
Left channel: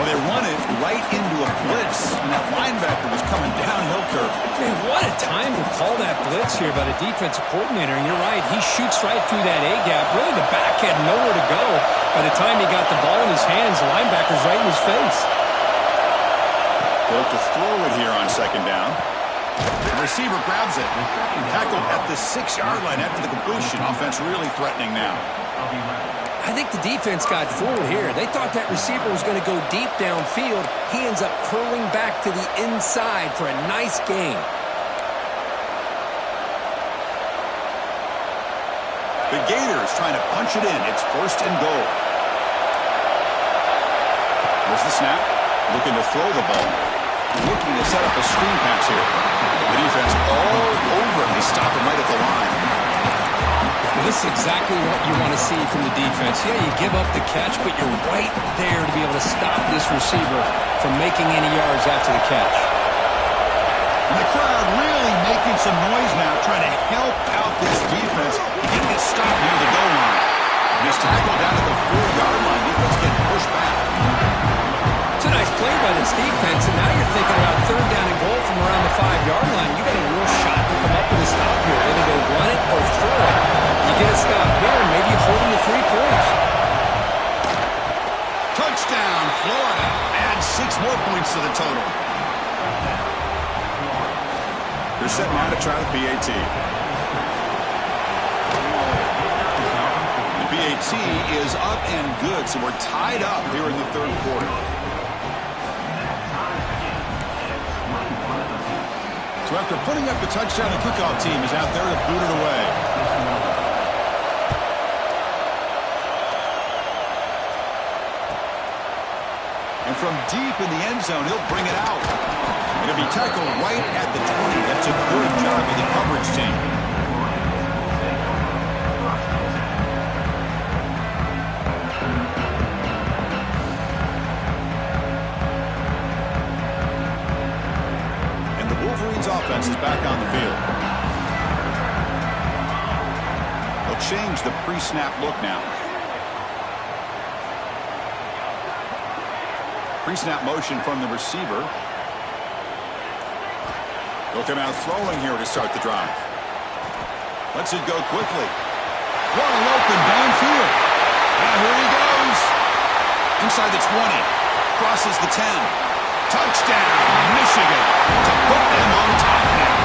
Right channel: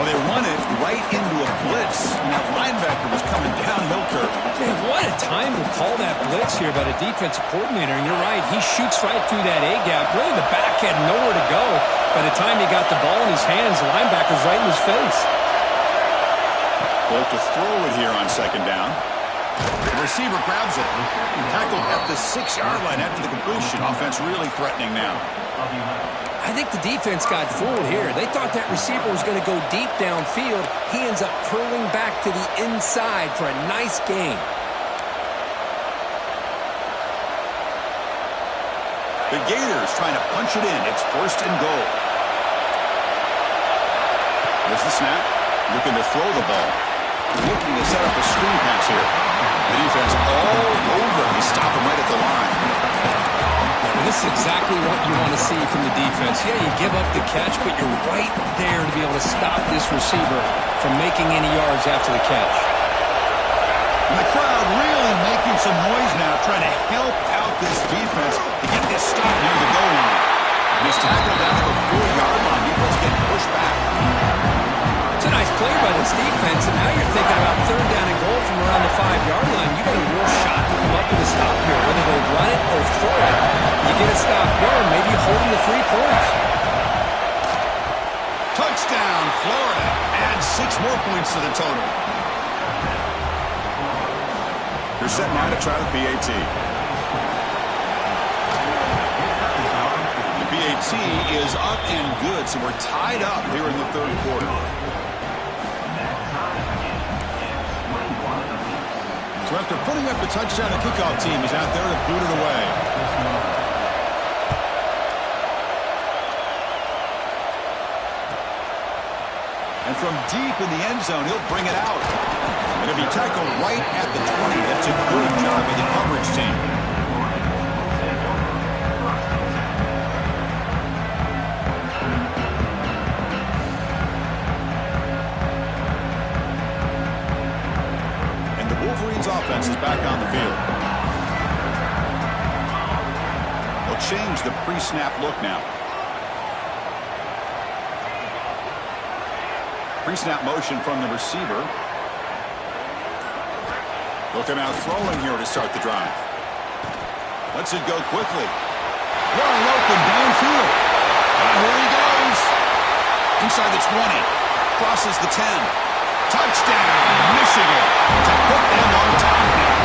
Well, they run it right into a blitz, and that linebacker was coming downhill curve. Man, what a time to call that blitz here by the defensive coordinator. And you're right, he shoots right through that A-gap. Really, the back had nowhere to go. By the time he got the ball in his hands, the linebacker's right in his face. Well, to throw it here on second down. The receiver grabs it. Tackled at the 6-yard line after the completion. Offense really threatening now. I think the defense got fooled here. They thought that receiver was going to go deep downfield. He ends up curling back to the inside for a nice gain. The Gators trying to punch it in. It's first and goal. There's the snap. Looking to throw the ball. Looking to set up a screen pass here. The defense all over him. They stop him right at the line. Well, this is exactly what you want to see from the defense. Yeah, you give up the catch, but you're right there to be able to stop this receiver from making any yards after the catch. And the crowd really making some noise now, trying to help out this defense to get this stop near the goal line. And he's tackled down at the 4-yard line. Defense getting pushed back. It's a nice play by this defense, and now you're thinking about third down and goal from around the 5-yard line. You got a real shot to come up with a stop here. Whether they run it or throw it, you get a stop here and maybe hold them to 3 points. Touchdown, Florida. Add 6 more points to the total. They're set now to try the PAT. The PAT is up and good, so we're tied up here in the third quarter. So after putting up the touchdown, the kickoff team is out there to boot it away. And from deep in the end zone, he'll bring it out. It'll be tackled right at the 20. That's a good job of the coverage team. Offense is back on the field. They'll change the pre-snap look now. Pre-snap motion from the receiver. They'll come out throwing here to start the drive. Lets it go quickly. Wide open downfield. Here he goes. Inside the 20. Crosses the 10. Touchdown, Michigan, to put them on top now.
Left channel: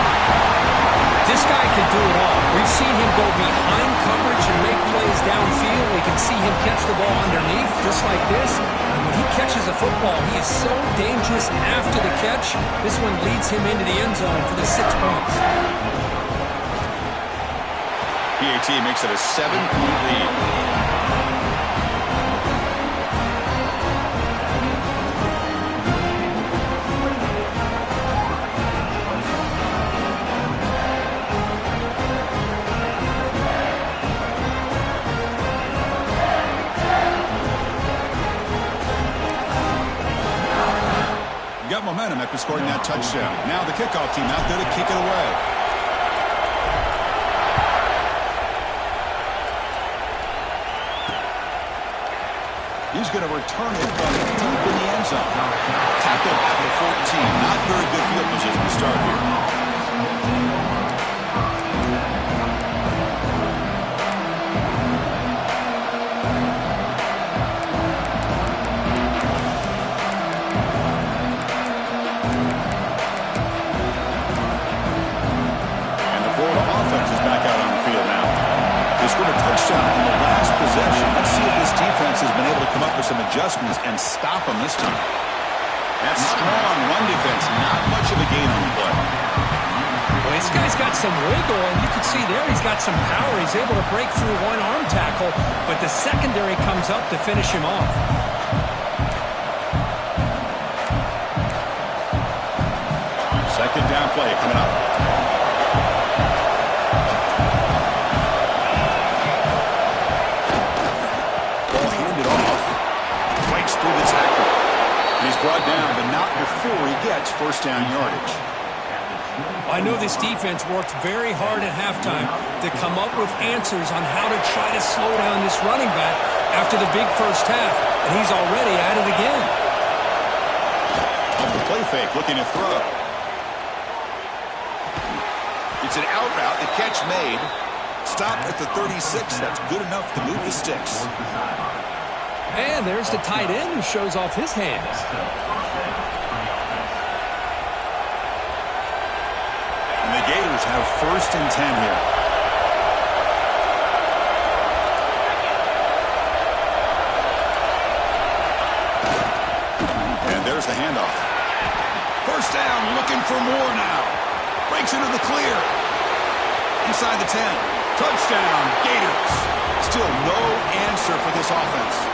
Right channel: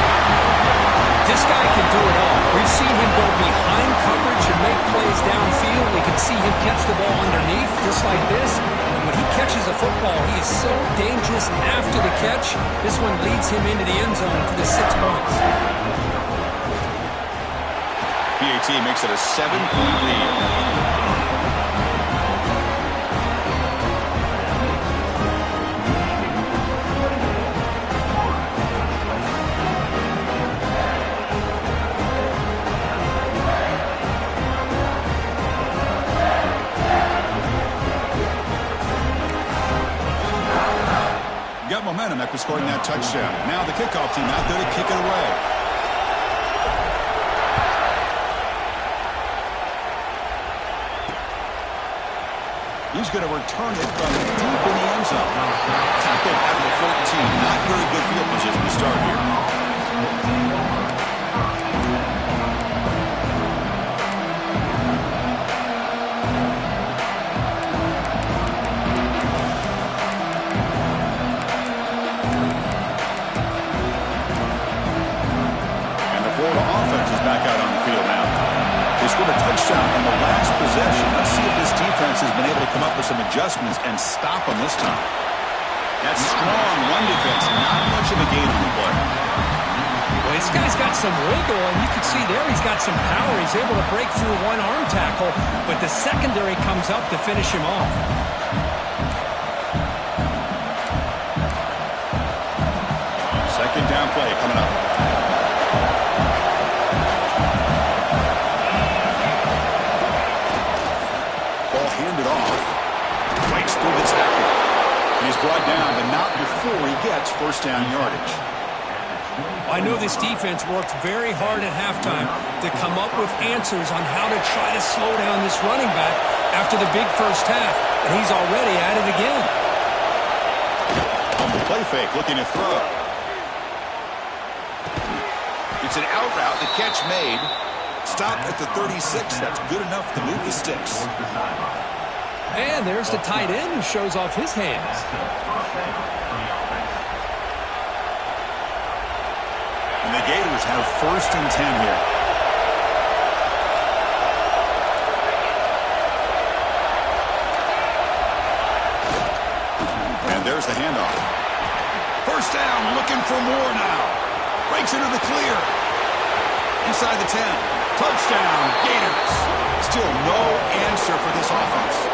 This guy can do it all. We've seen him go behind coverage and make plays downfield. We can see him catch the ball underneath, just like this. And when he catches a football, he is so dangerous after the catch. This one leads him into the end zone for the 6 points. PAT makes it a 7-point lead. Got momentum after scoring that touchdown. Now the kickoff team out there to kick it away. He's going to return it from deep in the end zone. Tackled at the 14. Not very good field position to start here. Back out on the field now. They scored a touchdown on the last possession. Let's see if this defense has been able to come up with some adjustments and stop them this time. That strong run defense, not much of a gain on the play. Well, this guy's got some wiggle, and you can see there he's got some power. He's able to break through one arm tackle, but the secondary comes up to finish him off. Second down play coming up. Through the tackle. And he's brought down, but not before he gets first down yardage. I know this defense worked very hard at halftime to come up with answers on how to try to slow down this running back after the big first half, and he's already at it again. Off the play fake, looking to throw. It's an out route, the catch made. Stopped at the 36. That's good enough to move the sticks. And there's the tight end who shows off his hands. And the Gators have first and 10 here. And there's the handoff. First down, looking for more now. Breaks into the clear. Inside the 10. Touchdown, Gators. Still no answer for this offense.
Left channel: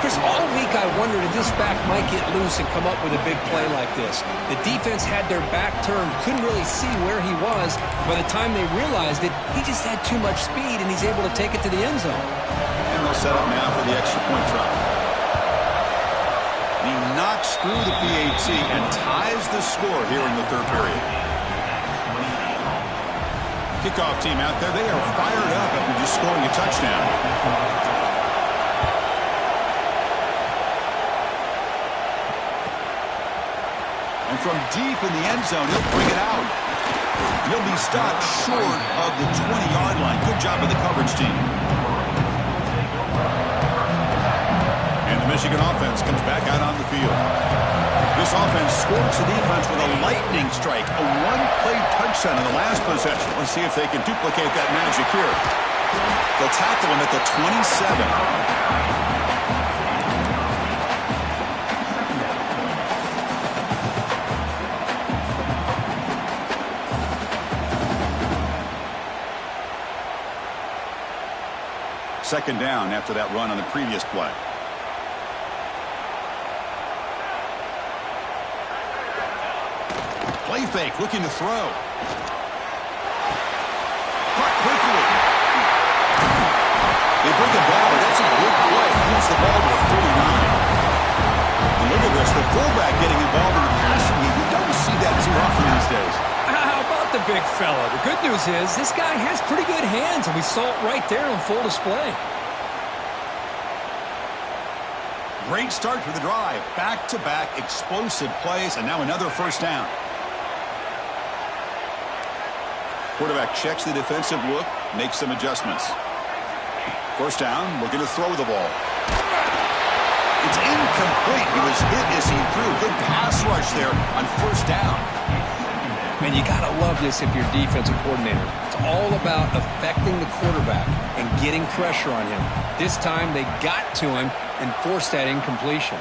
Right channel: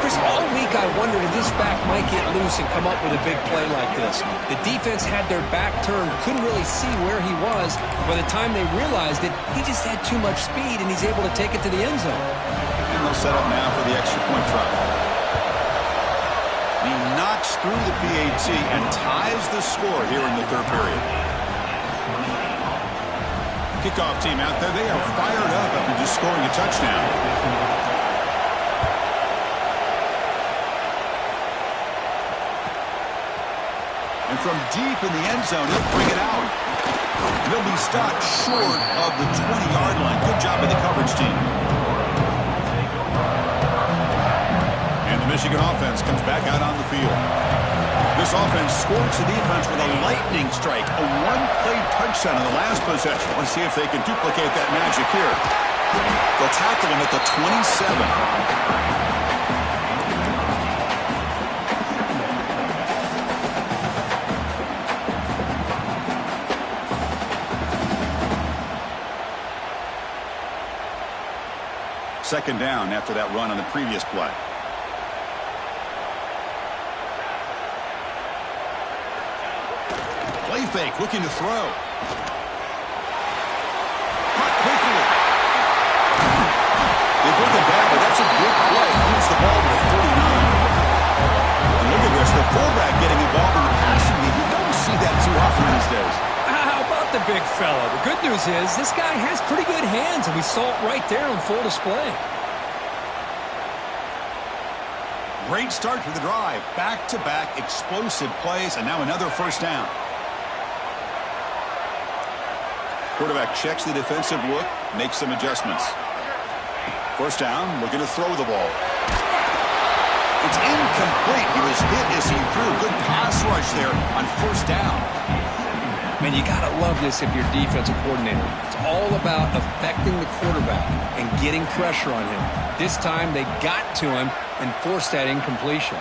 Chris, all week I wondered if this back might get loose and come up with a big play like this. The defense had their back turned, couldn't really see where he was. By the time they realized it, he just had too much speed, and he's able to take it to the end zone. And they'll set up now for the extra point try. He knocks through the PAT and ties the score here in the third period. Kickoff team out there, they are fired up after just scoring a touchdown. And from deep in the end zone, he'll bring it out. He'll be stopped short of the 20-yard line. Good job by the coverage team. And the Michigan offense comes back out on the field. This offense scores the defense with a lightning strike, a one-play touchdown in the last possession. Let's see if they can duplicate that magic here. They'll tackle him at the 27. Second down after that run on the previous play. Play fake, looking to throw. Caught quickly. They bring it back, but that's a good play. Moves the ball to the 49. And look at this, the fullback getting involved in the passing game. You don't see that too often these days. How about the big fella? The good news is this guy has pretty good hands, and we saw it right there on full display. Great start to the drive. Back-to-back explosive plays, and now another first down. Quarterback checks the defensive look, makes some adjustments. First down, looking to throw the ball. It's incomplete. He was hit as he threw. Good pass rush there on first down. Man, you got to love this if you're a defensive coordinator. It's all about affecting the quarterback and getting pressure on him. This time they got to him and forced that incompletion.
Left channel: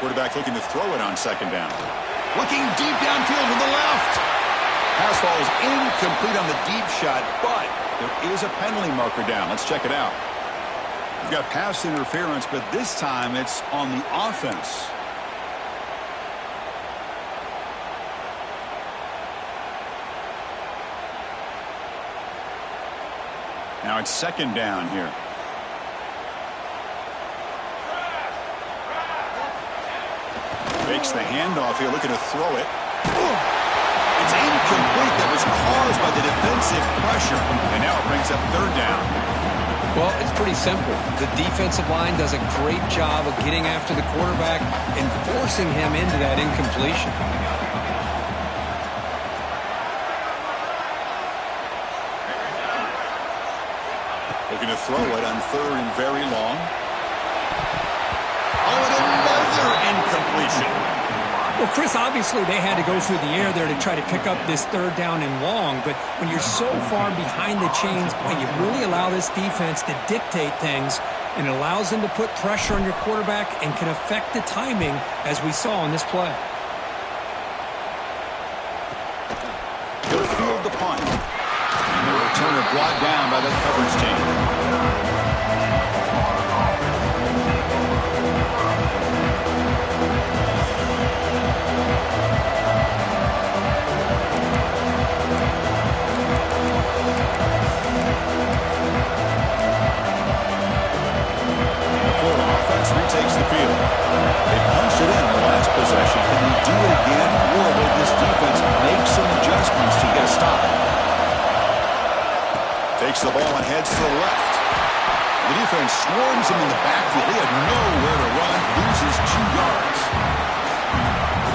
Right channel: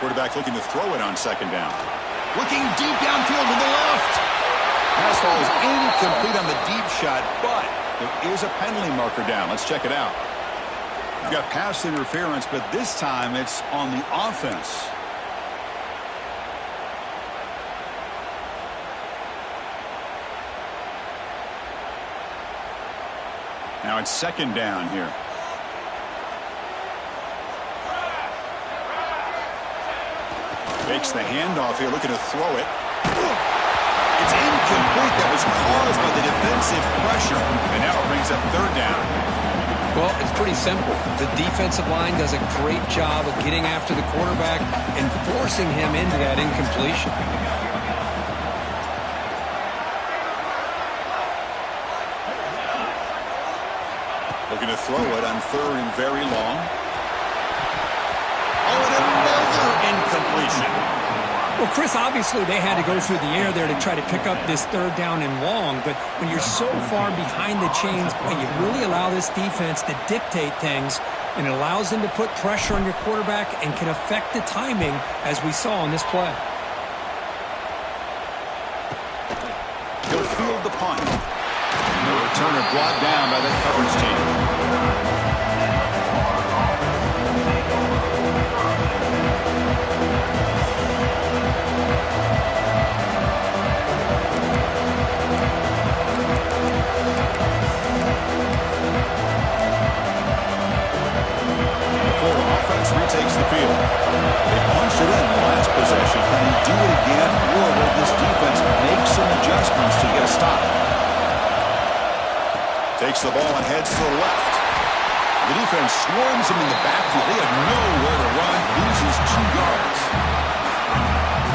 Quarterback looking to throw it on second down. Looking deep downfield to the left. Pass ball is incomplete on the deep shot, but there is a penalty marker down. Let's check it out. We've got pass interference, but this time it's on the offense. Now it's second down here. Fakes the handoff here, looking to throw it. It's incomplete. That was caused by the defensive pressure. And now it brings up third down. Well, it's pretty simple. The defensive line does a great job of getting after the quarterback and forcing him into that incompletion. Looking to throw it on third and very long. Oh, and another incompletion. Well, Chris, obviously they had to go through the air there to try to pick up this third down and long, but when you're so far behind the chains, boy, you really allow this defense to dictate things, and it allows them to put pressure on your quarterback and can affect the timing, as we saw in this play. He'll field the punt. And the returner brought down by that coverage team. Retakes the field. They punched it in the last possession. Can they do it again, or will this defense make some adjustments to get a stop? Takes the ball and heads to the left. The defense swarms him in the backfield. They have nowhere to run. Loses 2 yards.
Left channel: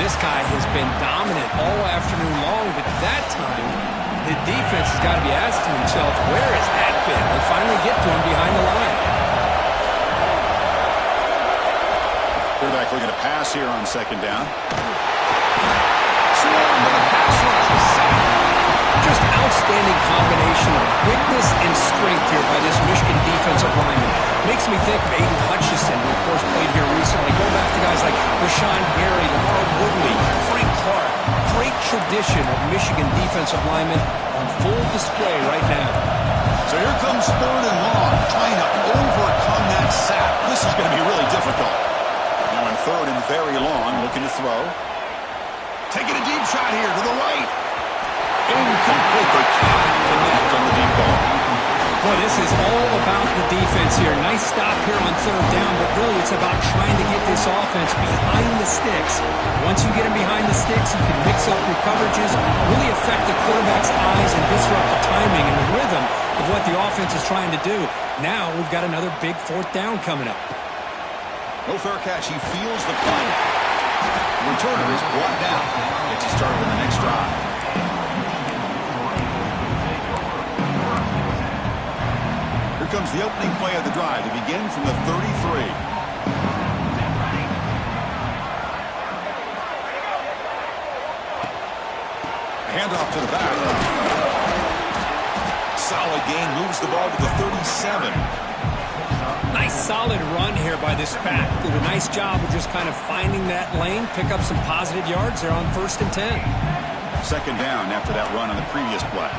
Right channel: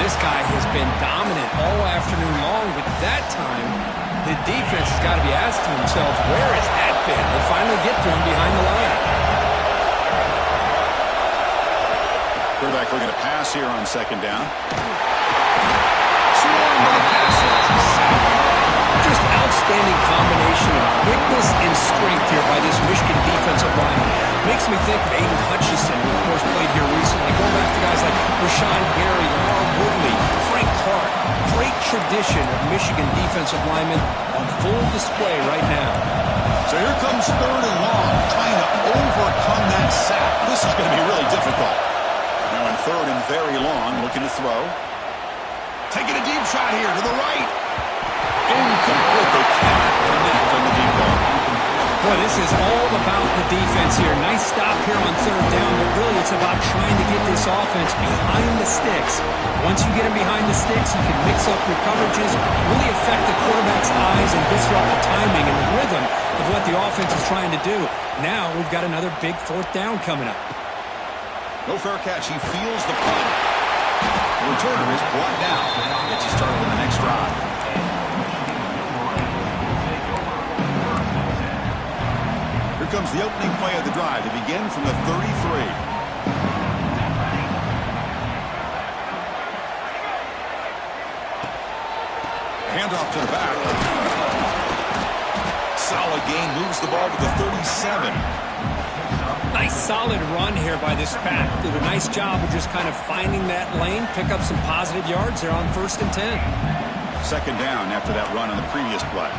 This guy has been dominant all afternoon long, but that time the defense has got to be asking themselves, where has that been? They finally get to him behind the line. Quarterback looking to pass here on second down. Swarmed with a pass rush. Just outstanding combination of quickness and strength here by this Michigan defensive lineman. Makes me think of Aiden Hutchinson, who of course played here recently. Going back to guys like Rashawn Gary, Lamar Woodley, Frank Clark. Great tradition of Michigan defensive linemen on full display right now. So here comes third and long, trying to overcome that sack. This is going to be really difficult. Now in third and very long, looking to throw. Taking a deep shot here to the right. Incomplete. They cannot connect on the deep ball. Boy, this is all about the defense here. Nice stop here on third down, but really it's about trying to get this offense behind the sticks. Once you get them behind the sticks, you can mix up your coverages, really affect the quarterback's eyes and disrupt the timing and the rhythm of what the offense is trying to do. Now we've got another big fourth down coming up. No fair catch. He feels the punt. The returner is brought down. Gets you started on the next drive. Here comes the opening play of the drive. They begin from the 33. Handoff to the back. Solid gain. Moves the ball to the 37. Nice solid run here by this back. Did a nice job of just kind of finding that lane, pick up some positive yards there on 1st and 10. Second down after that run on the previous play.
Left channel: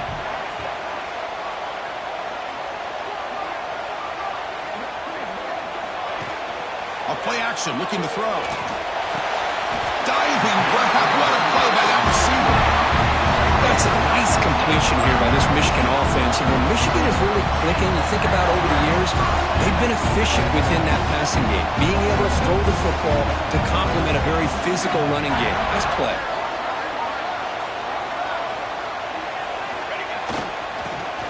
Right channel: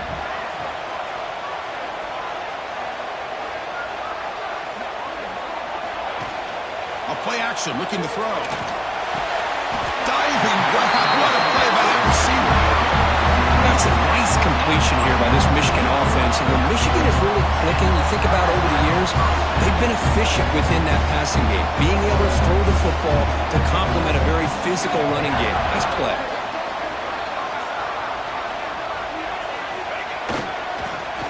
A play action, looking to throw. Diving grab. What a play by that receiver. That's a nice completion here by this Michigan offense. And when Michigan is really clicking, you think about over the years, they've been efficient within that passing game, being able to throw the football to complement a very physical running game. Nice play.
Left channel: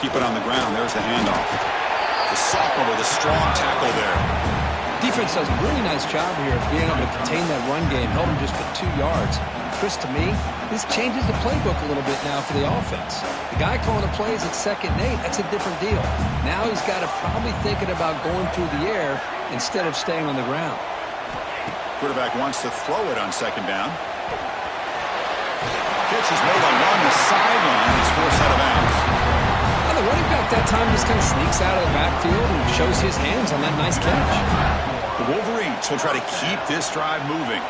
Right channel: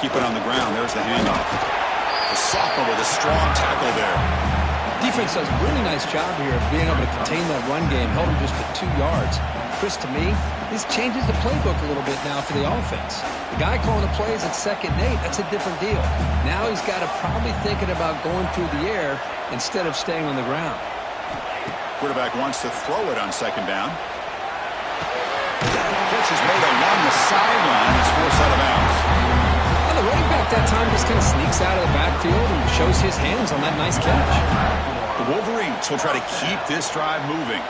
Keep it on the ground. There's the handoff. The sophomore with a strong tackle there. Defense does a really nice job here of being able to contain that run game, held him just to 2 yards. Chris, to me, this changes the playbook a little bit now for the offense. The guy calling the plays at 2nd and 8, that's a different deal. Now he's got to probably thinking about going through the air instead of staying on the ground. Quarterback wants to throw it on 2nd down. Catch is made along the sideline. He's forced out of bounds. Well, the running back that time just kind of sneaks out of the backfield and shows his hands on that nice catch. The Wolverines will try to keep this drive moving.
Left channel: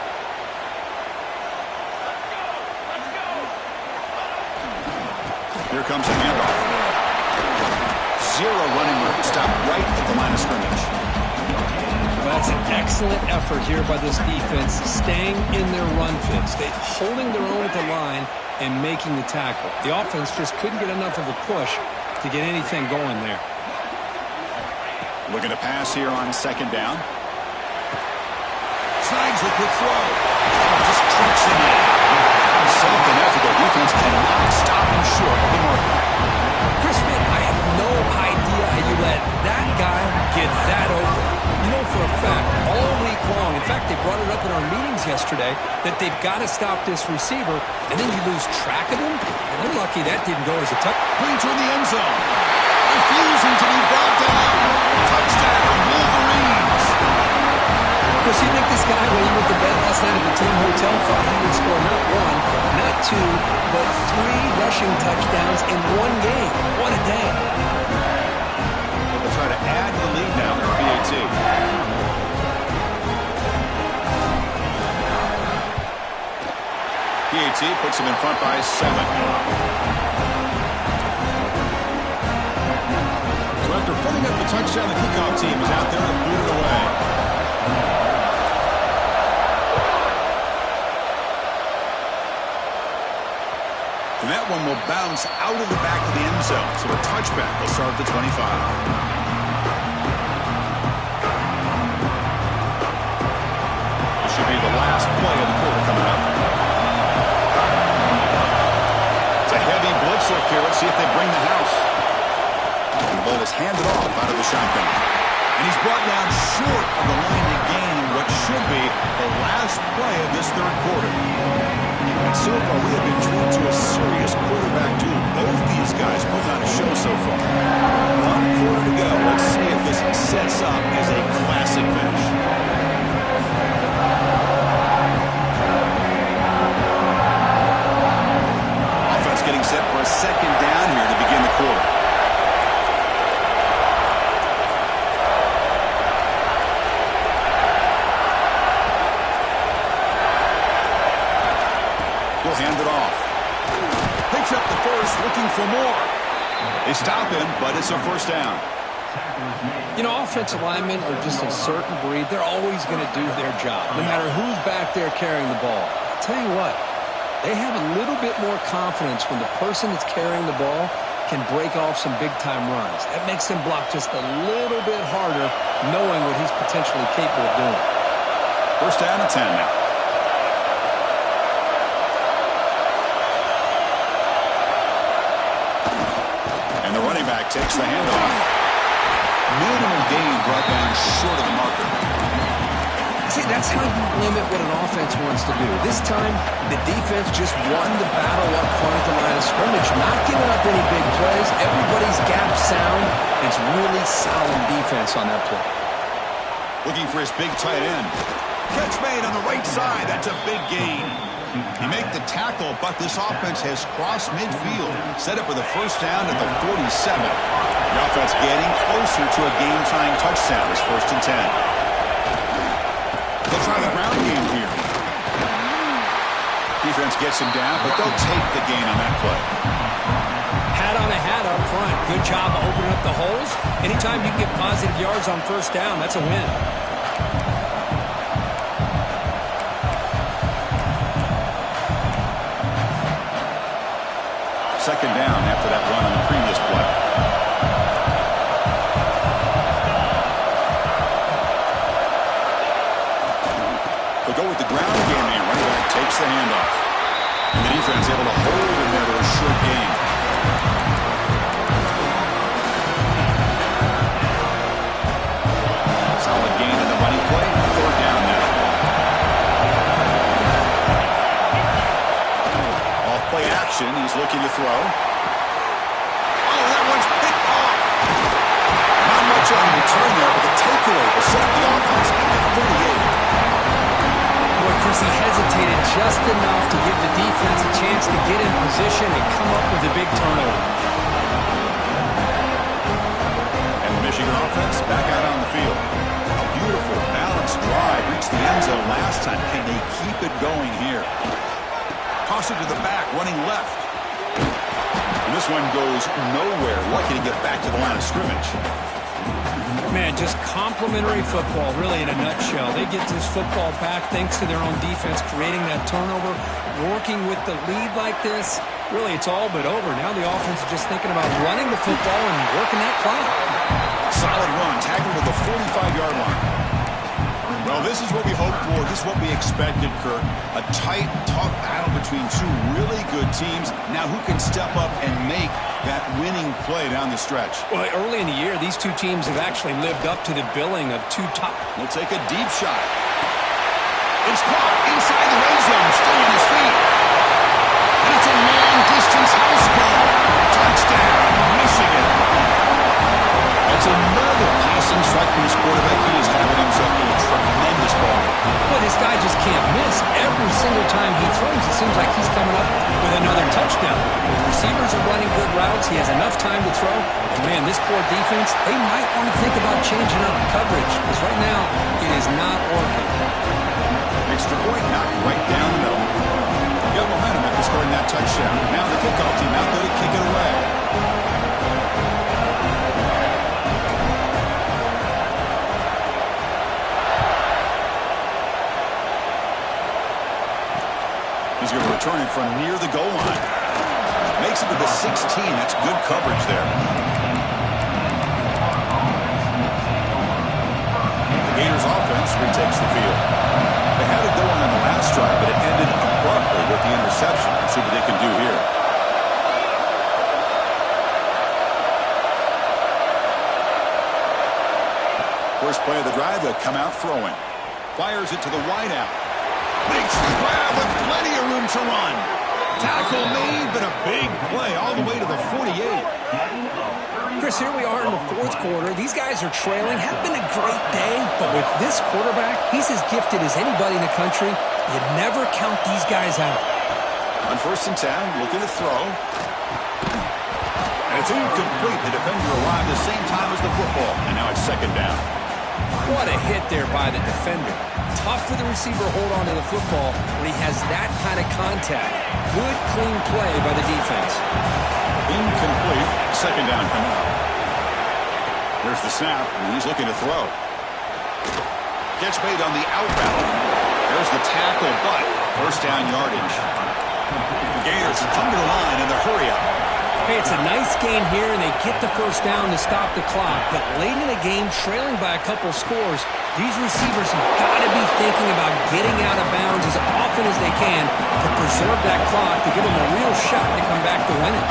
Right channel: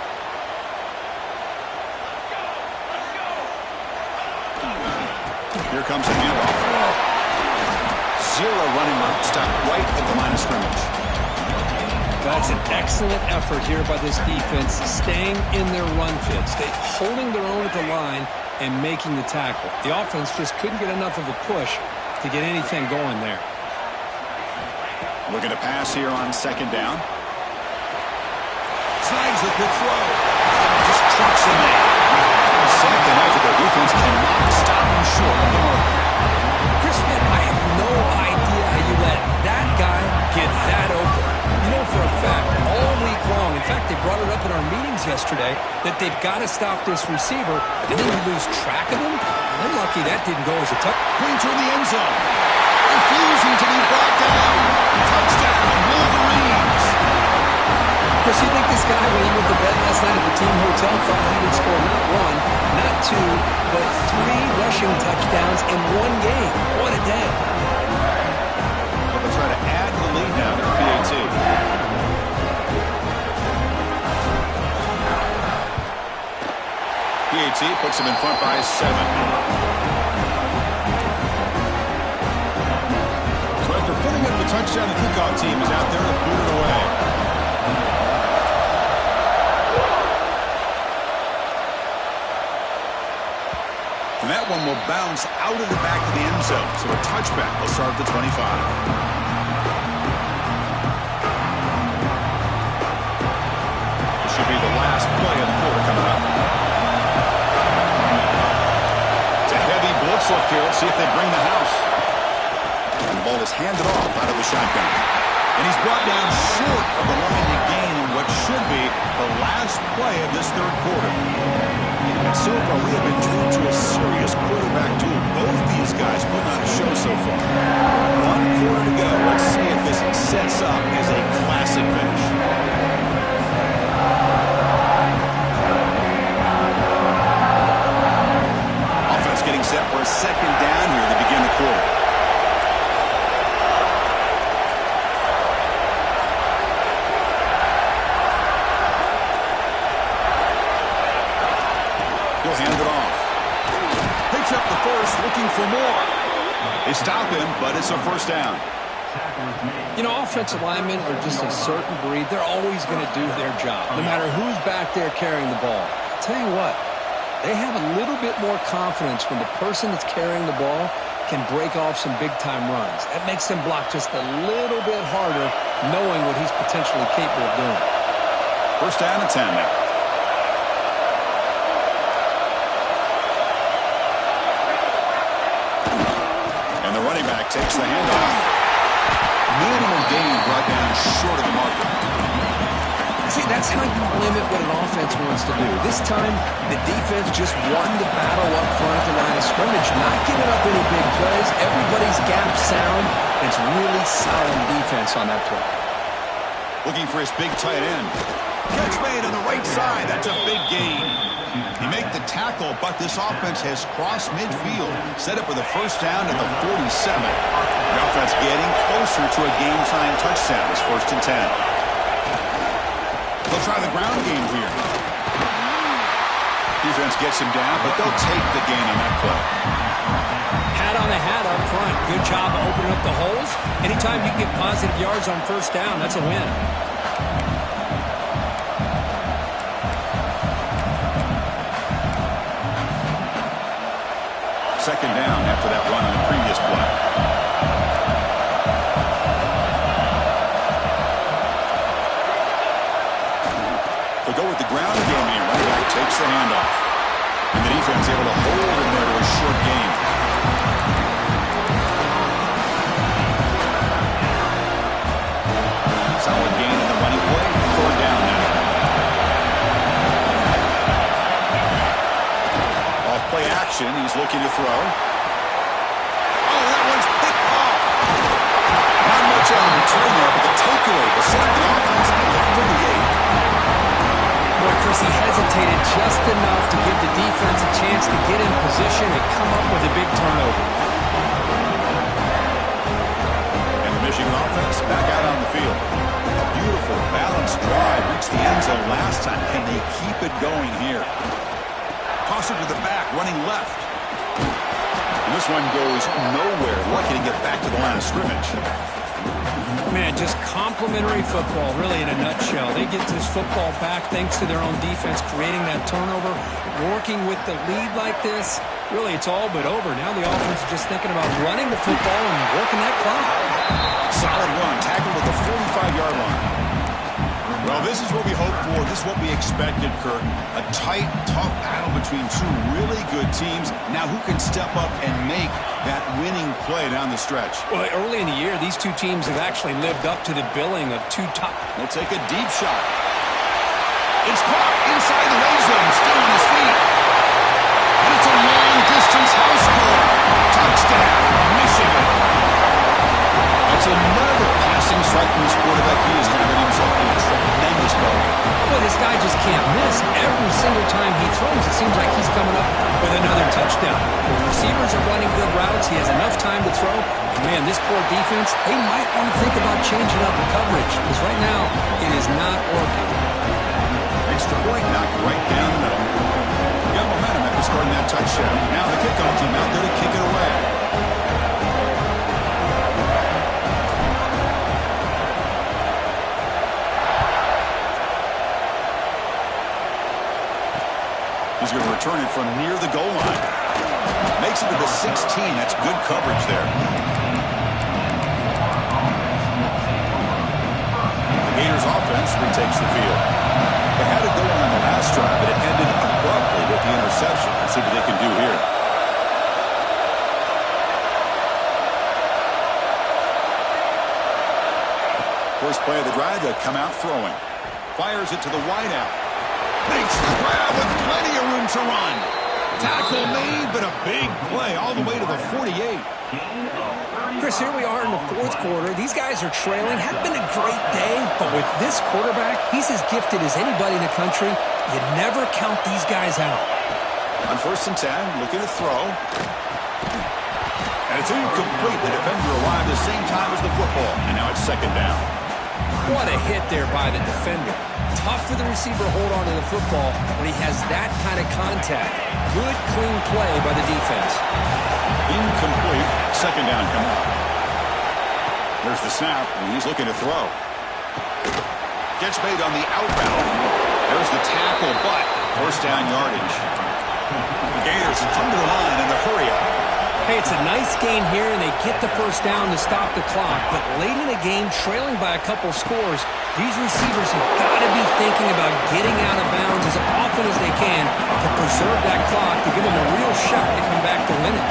Here comes a handoff. 0 running room. Stop right at the line of scrimmage. That's an excellent effort here by this defense, staying in their run fits, holding their own at the line and making the tackle. The offense just couldn't get enough of a push to get anything going there. Looking to pass here on 2nd down. Snags the quick throw. Just trucks him in. 2nd effort. Their defense cannot stop him short of the marker. Chris, man, I have no idea how you let that guy get that open. You know for a fact, all week long, in fact, they brought it up in our meetings yesterday, that they've got to stop this receiver, and then you lose track of him? And they're lucky that didn't go as a touchdown. Pointer in the end zone. Refusing to be brought down. Touchdown, Wolverines. Chris, you think this guy, when he went to bed last night at the team hotel, thought he would score not 1, not 2, but 3 rushing touchdowns in 1 game? What a day. But they'll try to add to the lead now with PAT. PAT puts him in front by 7. So after putting up the touchdown, the kickoff team is out there to boot it away. And that one will bounce out of the back of the end zone. So a touchback will start at the 25. This should be the last play of the quarter coming up. It's a heavy blitz look here. Let's see if they bring the house. And the ball is handed off out of the shotgun. And he's brought down short of the line to gain in what should be the last play of this 3rd quarter. And so far, we have been treated to a serious quarterback duel. Both these guys put on a show so far. 1 quarter to go. Let's see if this sets up as a classic finish. Offense getting set for a 2nd down here to begin the quarter. He'll hand it off. Picks up the first, looking for more. They stop him, but it's a 1st down. You know, offensive linemen are just a certain breed. They're always going to do their job, no matter who's back there carrying the ball. I'll tell you what, they have a little bit more confidence when the person that's carrying the ball can break off some big-time runs. That makes them block just a little bit harder, knowing what he's potentially capable of doing. 1st down and 10 now. And the running back takes the handoff. Minimal gain brought down short of the marker. See, that's how you limit what an offense wants to do. This time, the defense just won the battle up front at the line of scrimmage, not giving up any big plays. Everybody's gap sound. It's really solid defense on that play. Looking for his big tight end. Catch made on the right side. That's a big gain. You make the tackle, but this offense has crossed midfield. Set up with a 1st down at the 47. The offense getting closer to a game-tying touchdown. It's 1st and 10. They'll try the ground game here. Defense gets him down, but they'll take the gain on that play. Hat on a hat up front. Good job of opening up the holes. Anytime you get positive yards on 1st down, that's a win. Second down after that run on the previous play. They'll go with the ground game here. Running back takes the handoff. And the defense able to hold him there to a short gain. Solid gain in the running play. 3rd down now. play action. He's looking to throw. Oh, that one's picked off. Not much on the return there, but the takeaway will set up the offense at the 38. Boy, Chris, he hesitated just enough to give the defense a chance to get in position and come up with a big turnover. And the Michigan offense back out on the field. A beautiful, balanced drive reached the end zone last time. Can they keep it going here? Toss it to the back, running left. And this one goes nowhere. Lucky to get back to the line of scrimmage. Man, just complimentary football, really, in a nutshell. They get this football back thanks to their own defense, creating that turnover, working with the lead like this. Really, it's all but over. Now the offense is just thinking about running the football and working that clock. Solid run, tackled at the 45-yard line. Well, this is what we hoped for. This is what we expected, Kirk. A tight, tough battle between two really good teams. Now who can step up and make that winning play down the stretch? Well, early in the year, these two teams have actually lived up to the billing of two top. They'll take a deep shot. It's caught inside the red zone, still on his feet. And it's a long-distance house call. Touchdown, Michigan. That's another passing strike from this quarterback. He is having himself a tremendous ball game. Boy, this guy just can't miss. Every single time he throws, it seems like he's coming up with another touchdown. The receivers are running good routes. He has enough time to throw. And, man, this poor defense, they might want to think about changing up the coverage because right now it is not working. Extra point knocked right down the middle. Got momentum after scoring that touchdown. Now the kickoff team out there to kick it away. He's going to return it from near the goal line. Makes it to the 16. That's good coverage there. The Gators offense retakes the field. They had it going on the last drive, but it ended abruptly with the interception. Let's see what they can do here. First play of the drive, they'll come out throwing. Fires it to the wideout. Makes the grab with plenty of room to run. Tackle made, but a big play all the way to the 48. Chris, here we are in the fourth quarter. These guys are trailing. Had been a great day, but with this quarterback, he's as gifted as anybody in the country. You never count these guys out. On 1st and 10, looking to throw. And it's incomplete. The defender arrived the same time as the football, and now it's 2nd down. What a hit there by the defender. Tough for the receiver to hold on to the football when he has that kind of contact. Good, clean play by the defense. Incomplete. 2nd down coming up. There's the snap, and he's looking to throw. Catch made on the outbound. There's the tackle, but 1st down yardage. The Gators under the line in the hurry-up. Hey, it's a nice gain here, and they get the 1st down to stop the clock. But late in the game, trailing by a couple scores, these receivers have got to be thinking about getting out of bounds as often as they can to preserve that clock, to give them a real shot to come back to win it.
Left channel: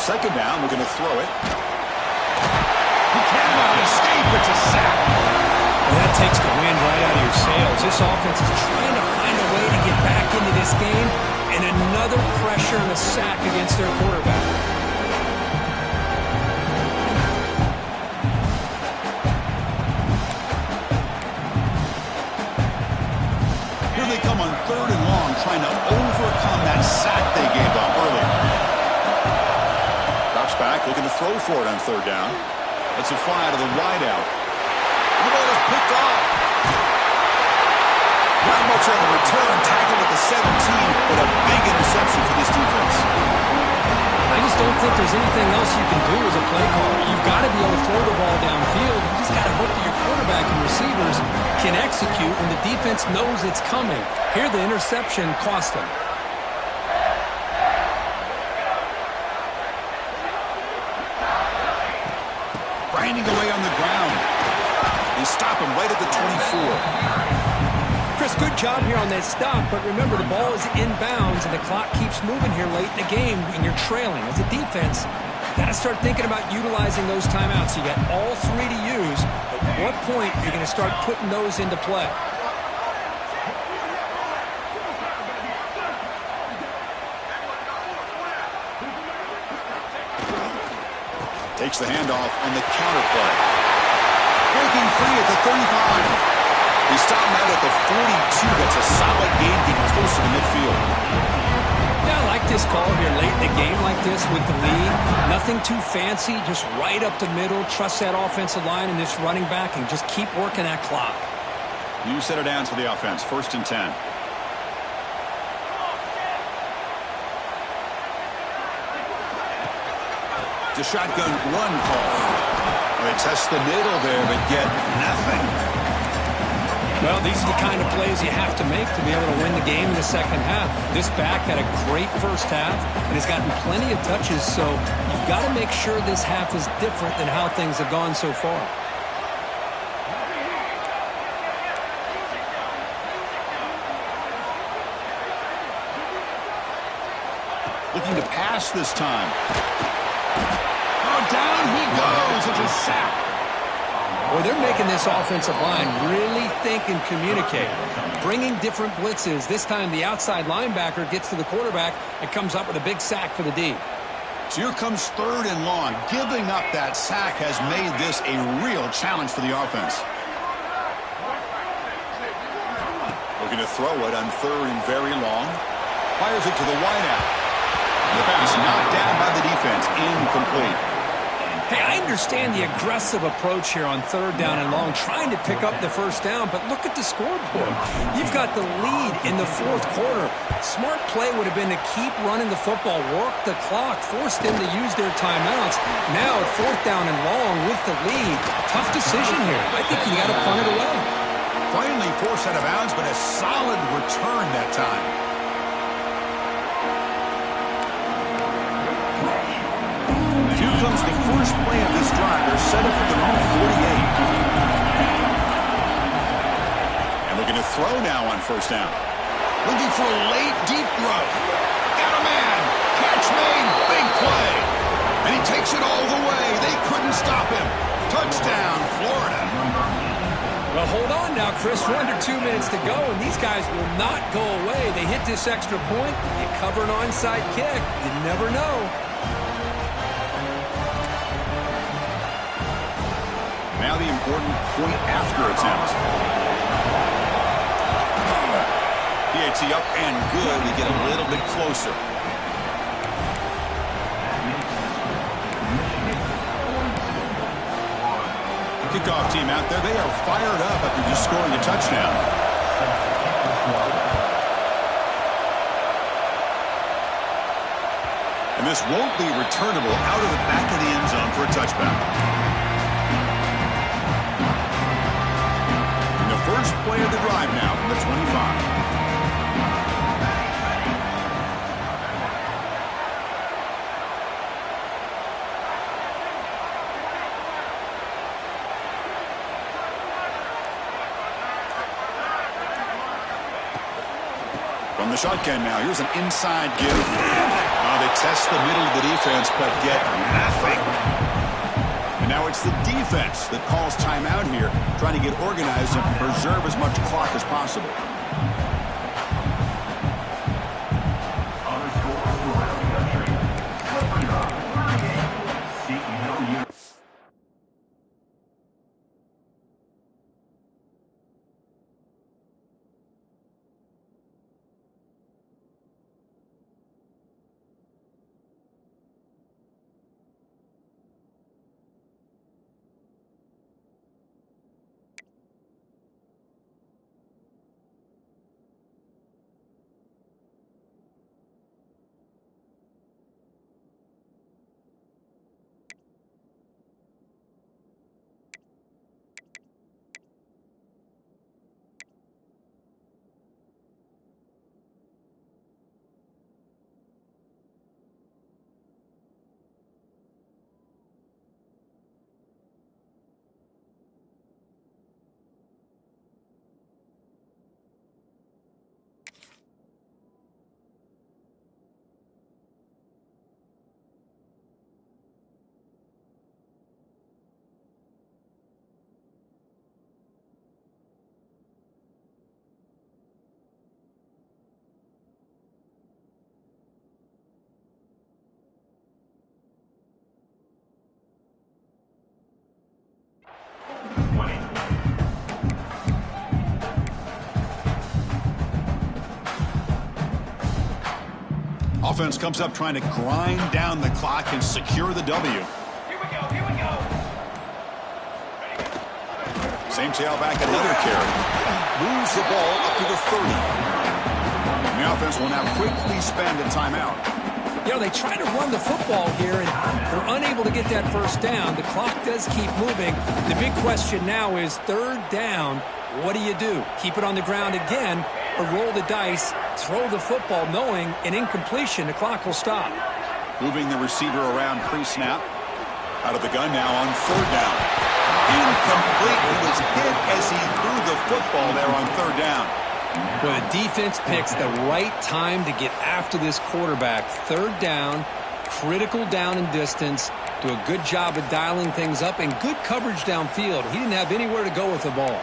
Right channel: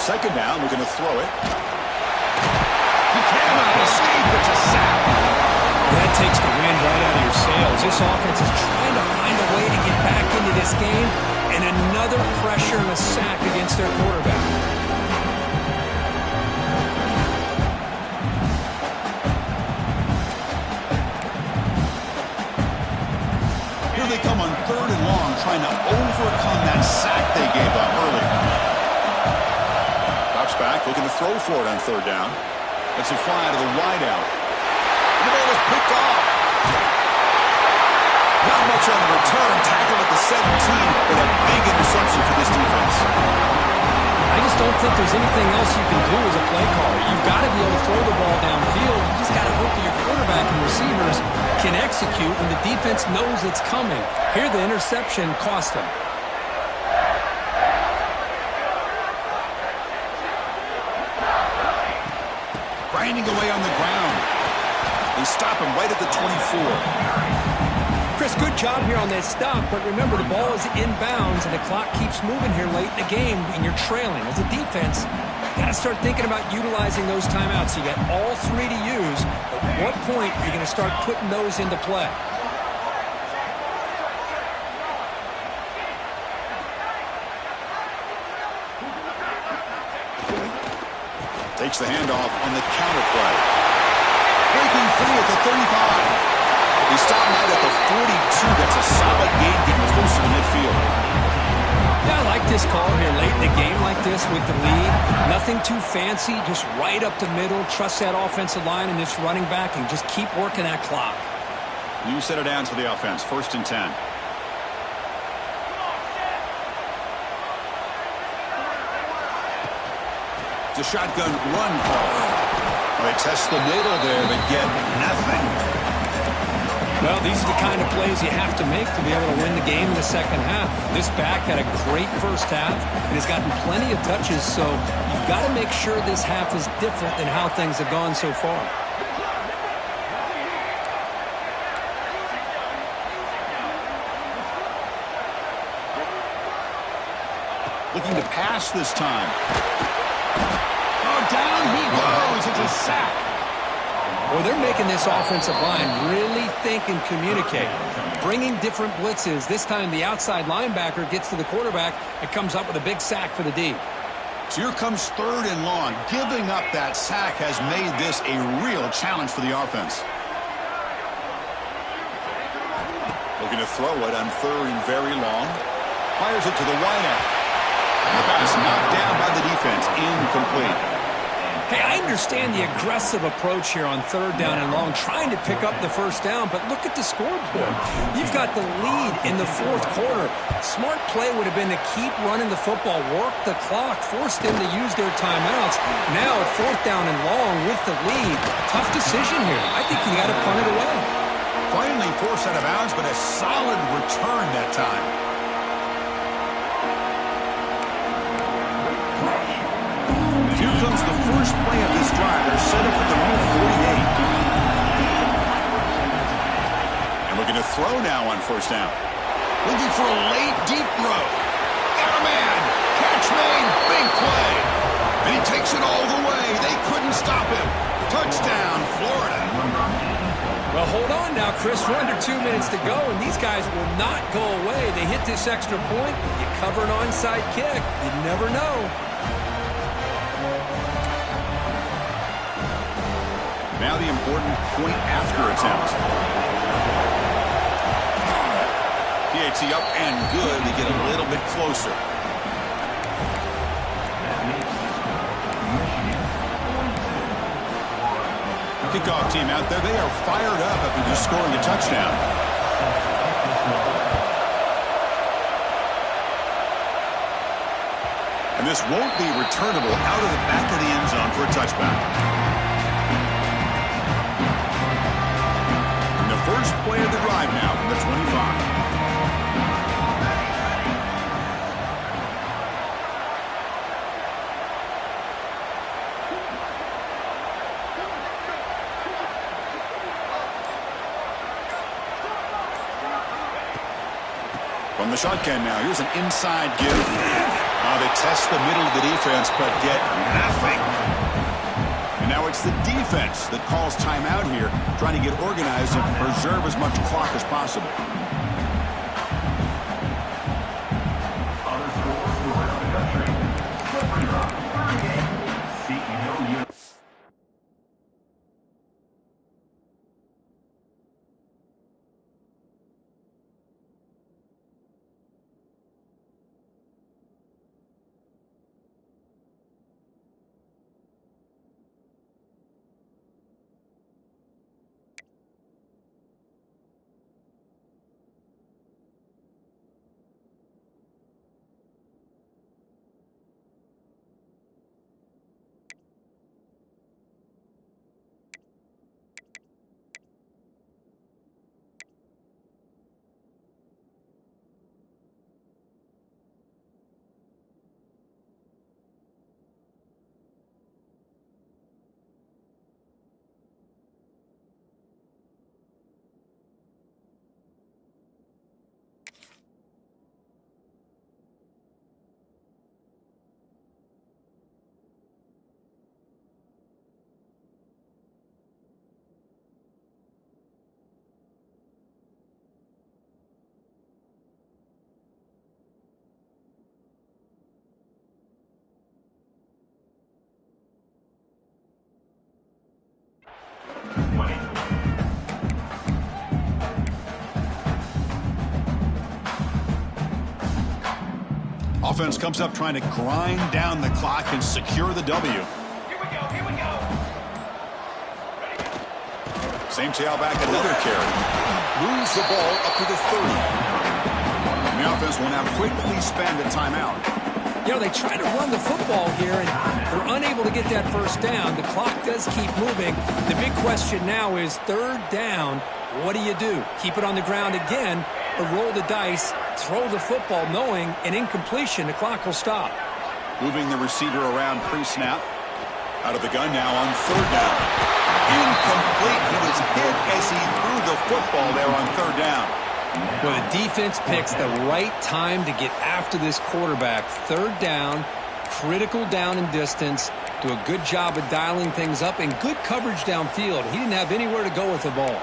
Second down, we're going to throw it. He cannot escape. It's a sack. Well, that takes the wind right out of your sails. This offense is trying to find a way to get back into this game, and another pressure and a sack against their quarterback. Here they come on 3rd and long, trying to overcome that sack they gave up earlier. Drops back, looking to throw for it on 3rd down. Lets it fly out of the wideout. And the ball is picked off. Not much on the return. Tackled at the 17, but a big interception for this defense. I just don't think there's anything else you can do as a play caller. You've got to be able to throw the ball downfield. You just got to hope that your quarterback and receivers can execute when the defense knows it's coming. Here, the interception cost them. Grinding away on the ground. They stop him right at the 24. Chris, good job here on that stop, but remember the ball is inbounds and the clock keeps moving here late in the game and you're trailing. As a defense, you got to start thinking about utilizing those timeouts. You got all three to use, but at what point are you going to start putting those into play? Takes the handoff on the counter play. Breaking free at the 35. He stopped out at the 42. That's a solid gain, getting closer to midfield. Yeah, I like this call here late in the game like this with the lead. Nothing too fancy, just right up the middle. Trust that offensive line and this running back and just keep working that clock. You set it down to the offense. 1st and 10. It's a shotgun run call. Well, they test the middle there, but get nothing. Well, these are the kind of plays you have to make to be able to win the game in the second half. This back had a great first half and has gotten plenty of touches, so you've got to make sure this half is different than how things have gone so far. Looking to pass this time. Oh, down he goes. It's a sack. Well, they're making this offensive line really think and communicate. Bringing different blitzes. This time the outside linebacker gets to the quarterback and comes up with a big sack for the D. So here comes 3rd and long. Giving up that sack has made this a real challenge for the offense. Looking to throw it on 3rd and very long. Fires it to the wideout. The pass knocked down by the defense. Incomplete. Hey, I understand the aggressive approach here on 3rd down and long, trying to pick up the first down, but look at the scoreboard. You've got the lead in the 4th quarter. Smart play would have been to keep running the football, work the clock, force them to use their timeouts. Now at 4th down and long with the lead, tough decision here. I think you got to punt it away. Finally forced out of bounds, but a solid return that time. Here comes the first play of this drive. They're set up at their own 48. And looking to throw now on 1st down. Looking for a late, deep throw. Got a man. Catch made. Big play. And he takes it all the way. They couldn't stop him. Touchdown, Florida. Well, hold on now, Chris. We're under 2 minutes to go, and these guys will not go away. They hit this extra point. You cover an onside kick. You never know. Now the important point after attempt. PAT up and good. We get a little bit closer. Kickoff team out there. They are fired up after just scoring a touchdown. And this won't be returnable out of the back of the end zone for a touchback. First play of the drive now from the 25. From the shotgun now, here's an inside give. They test the middle of the defense, but get nothing. And now it's the defense that calls timeout here, trying to get organized and preserve as much clock as possible. Other scores from around the country. Slippery Rock, 38. CEO. Offense comes up trying to grind down the clock and secure the W. Here we go, here we go. Same tailback, another carry. Moves the ball up to the 30. And the offense will now quickly spend a timeout. You know, they try to run the football here, and they're unable to get that first down. The clock does keep moving. The big question now is 3rd down. What do? Keep it on the ground again, or roll the dice, throw the football, knowing an incompletion, the clock will stop. Moving the receiver around pre-snap. Out of the gun now on 3rd down. Incomplete. He was hit as he threw the football there on 3rd down. Well, the defense picks the right time to get after this quarterback. 3rd down, critical down and distance. Do a good job of dialing things up and good coverage downfield. He didn't have anywhere to go with the ball.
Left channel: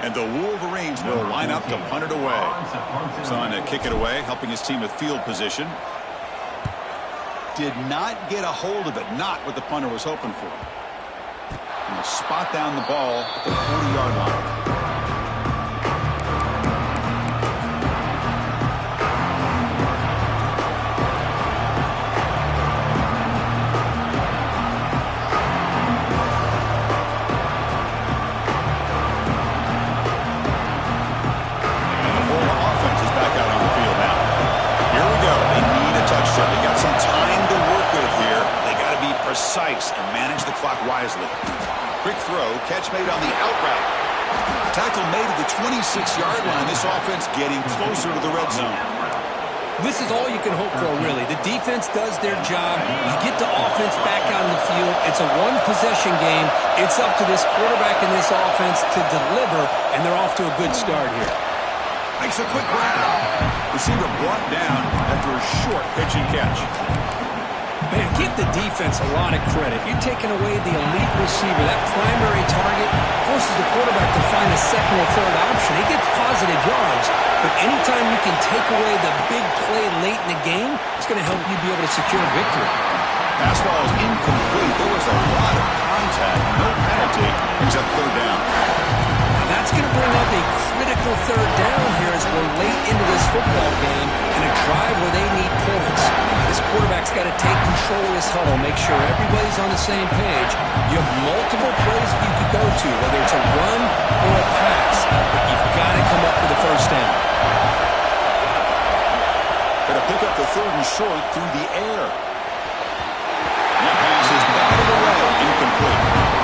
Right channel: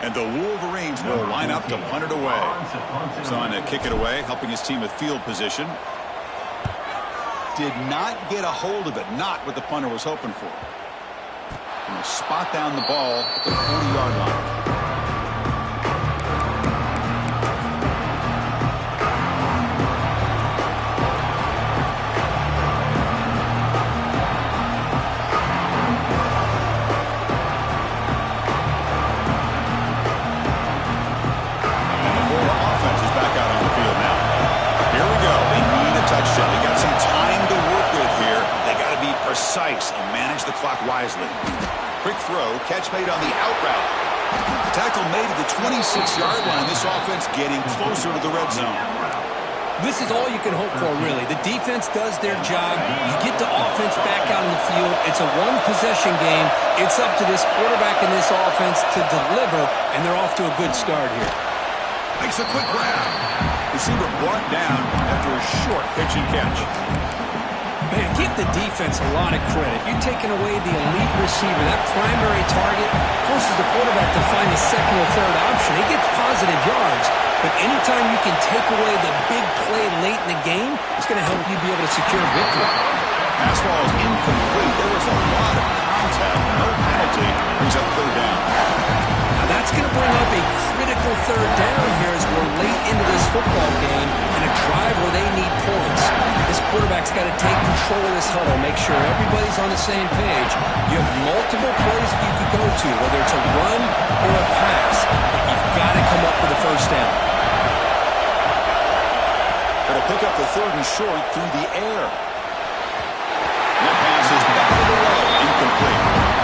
And the Wolverines will line up to punt it away. He's on to kick it away, helping his team with field position. Did not get a hold of it, not what the punter was hoping for. And will spot down the ball at the 40-yard line. Touchdown. They got some time to work with here. They got to be precise and manage the clock wisely. Quick throw, catch made on the out route. Tackle made at the 26-yard line. This offense getting closer to the red zone. This is all you can hope for, really. The defense does their job. You get the offense back out in the field. It's a one-possession game. It's up to this quarterback and this offense to deliver, and they're off to a good start here. Makes a quick grab. Receiver brought down after a short pitch and catch. Man, give the defense a lot of credit. You're taking away the elite receiver. That primary target forces the quarterback to find a second or third option. He gets positive yards, but anytime you can take away the big play late in the game, it's going to help you be able to secure victory. Pass ball is incomplete. There was a lot of contact. No penalty. Brings up 3rd down. That's going to bring up a critical 3rd down here as we're late into this football game and a drive where they need points. This quarterback's got to take control of this huddle, make sure everybody's on the same page. You have multiple plays that you could go to, whether it's a run or a pass, but you've got to come up with a first down. Going to pick up the 3rd and short through the air. And that pass is batted away, incomplete.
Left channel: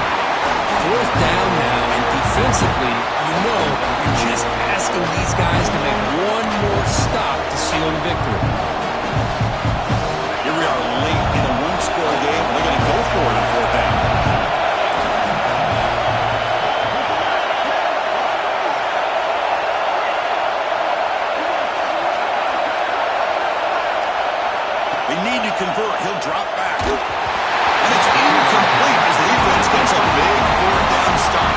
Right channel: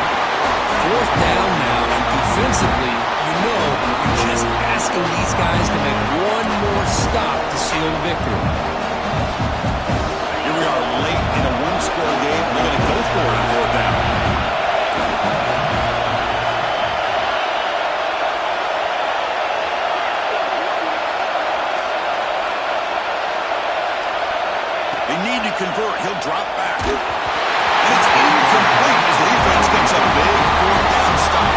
4th down now, and defensively, you know you're just asking these guys to make one more stop to seal the victory. Here we are late in a one-score game, and they're going to go for it on 4th down. They need to convert. He'll drop back. And it's incomplete as the defense gets a big 4th down stop.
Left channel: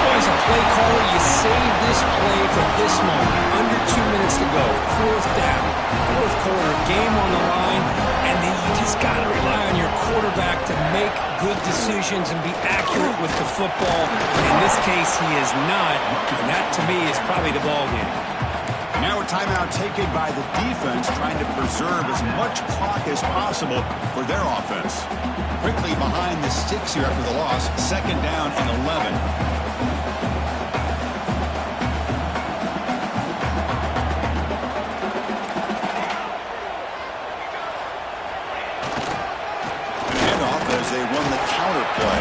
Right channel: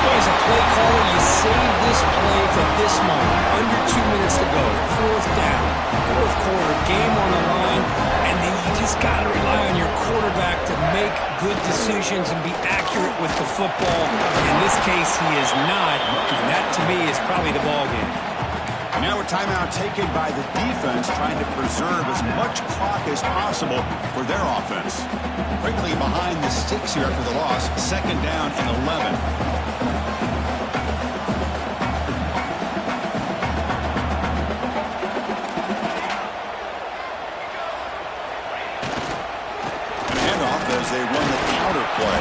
Well, as a play caller, you save this play for this moment. Under 2 minutes to go. 4th down. 4th quarter, game on the line. And then you just got to rely on your quarterback to make good decisions and be accurate with the football. In this case, he is not. And that, to me, is probably the ball game. And now a timeout taken by the defense, trying to preserve as much clock as possible for their offense. Quickly behind the sticks here after the loss. 2nd down and 11. And handoff as they run the counter play.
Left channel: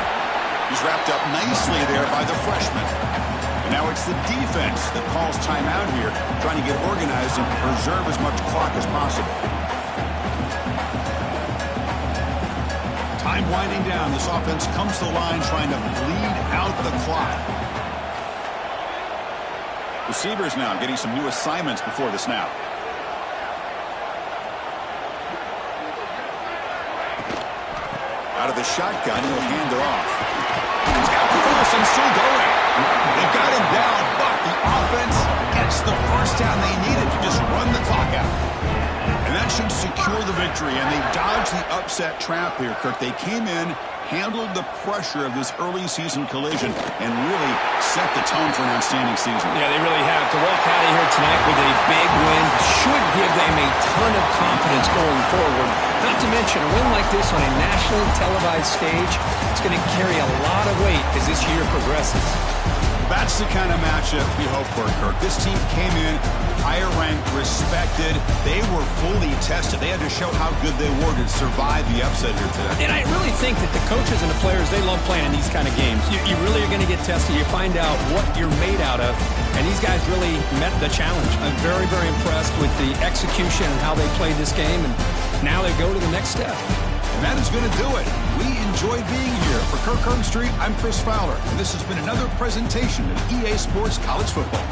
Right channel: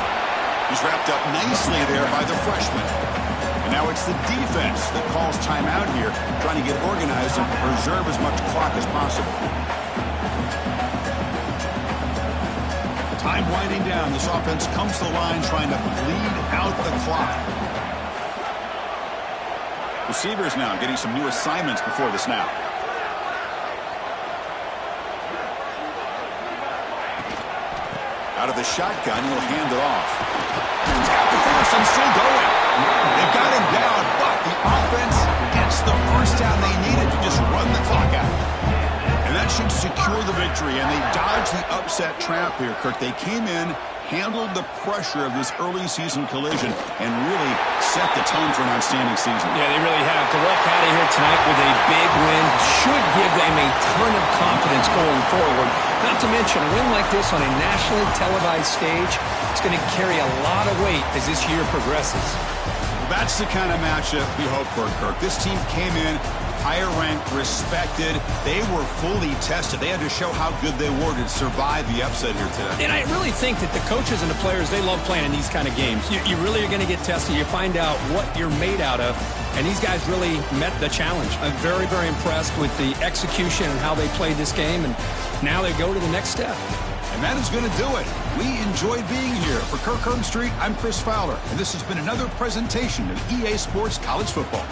He's wrapped up nicely there by the freshman. And now it's the defense that calls timeout here, trying to get organized and preserve as much clock as possible. Time winding down. This offense comes to the line trying to bleed out the clock. Receivers now getting some new assignments before the snap. Out of the shotgun, he'll hand it off. He's got the first and still going. They've got him down, but the offense gets the first down they needed to just run the clock out. And And that should secure the victory, and they dodged the upset trap here, Kirk. They came in, handled the pressure of this early season collision, and really set the tone for an outstanding season. Yeah, they really have. To walk out of here tonight with a big win should give them a ton of confidence going forward. Not to mention, a win like this on a nationally televised stage, it's going to carry a lot of weight as this year progresses. That's the kind of matchup we hope for, Kirk. This team came in higher ranked, respected. They were fully tested. They had to show how good they were to survive the upset here today. And I really think that the coaches and the players, they love playing in these kind of games. You really are going to get tested. You find out what you're made out of. And these guys really met the challenge. I'm very, very impressed with the execution and how they played this game. And now they go to the next step. And that is going to do it. We enjoyed being here. For Kirk Herbstreit, I'm Chris Fowler. And this has been another presentation of EA Sports College Football.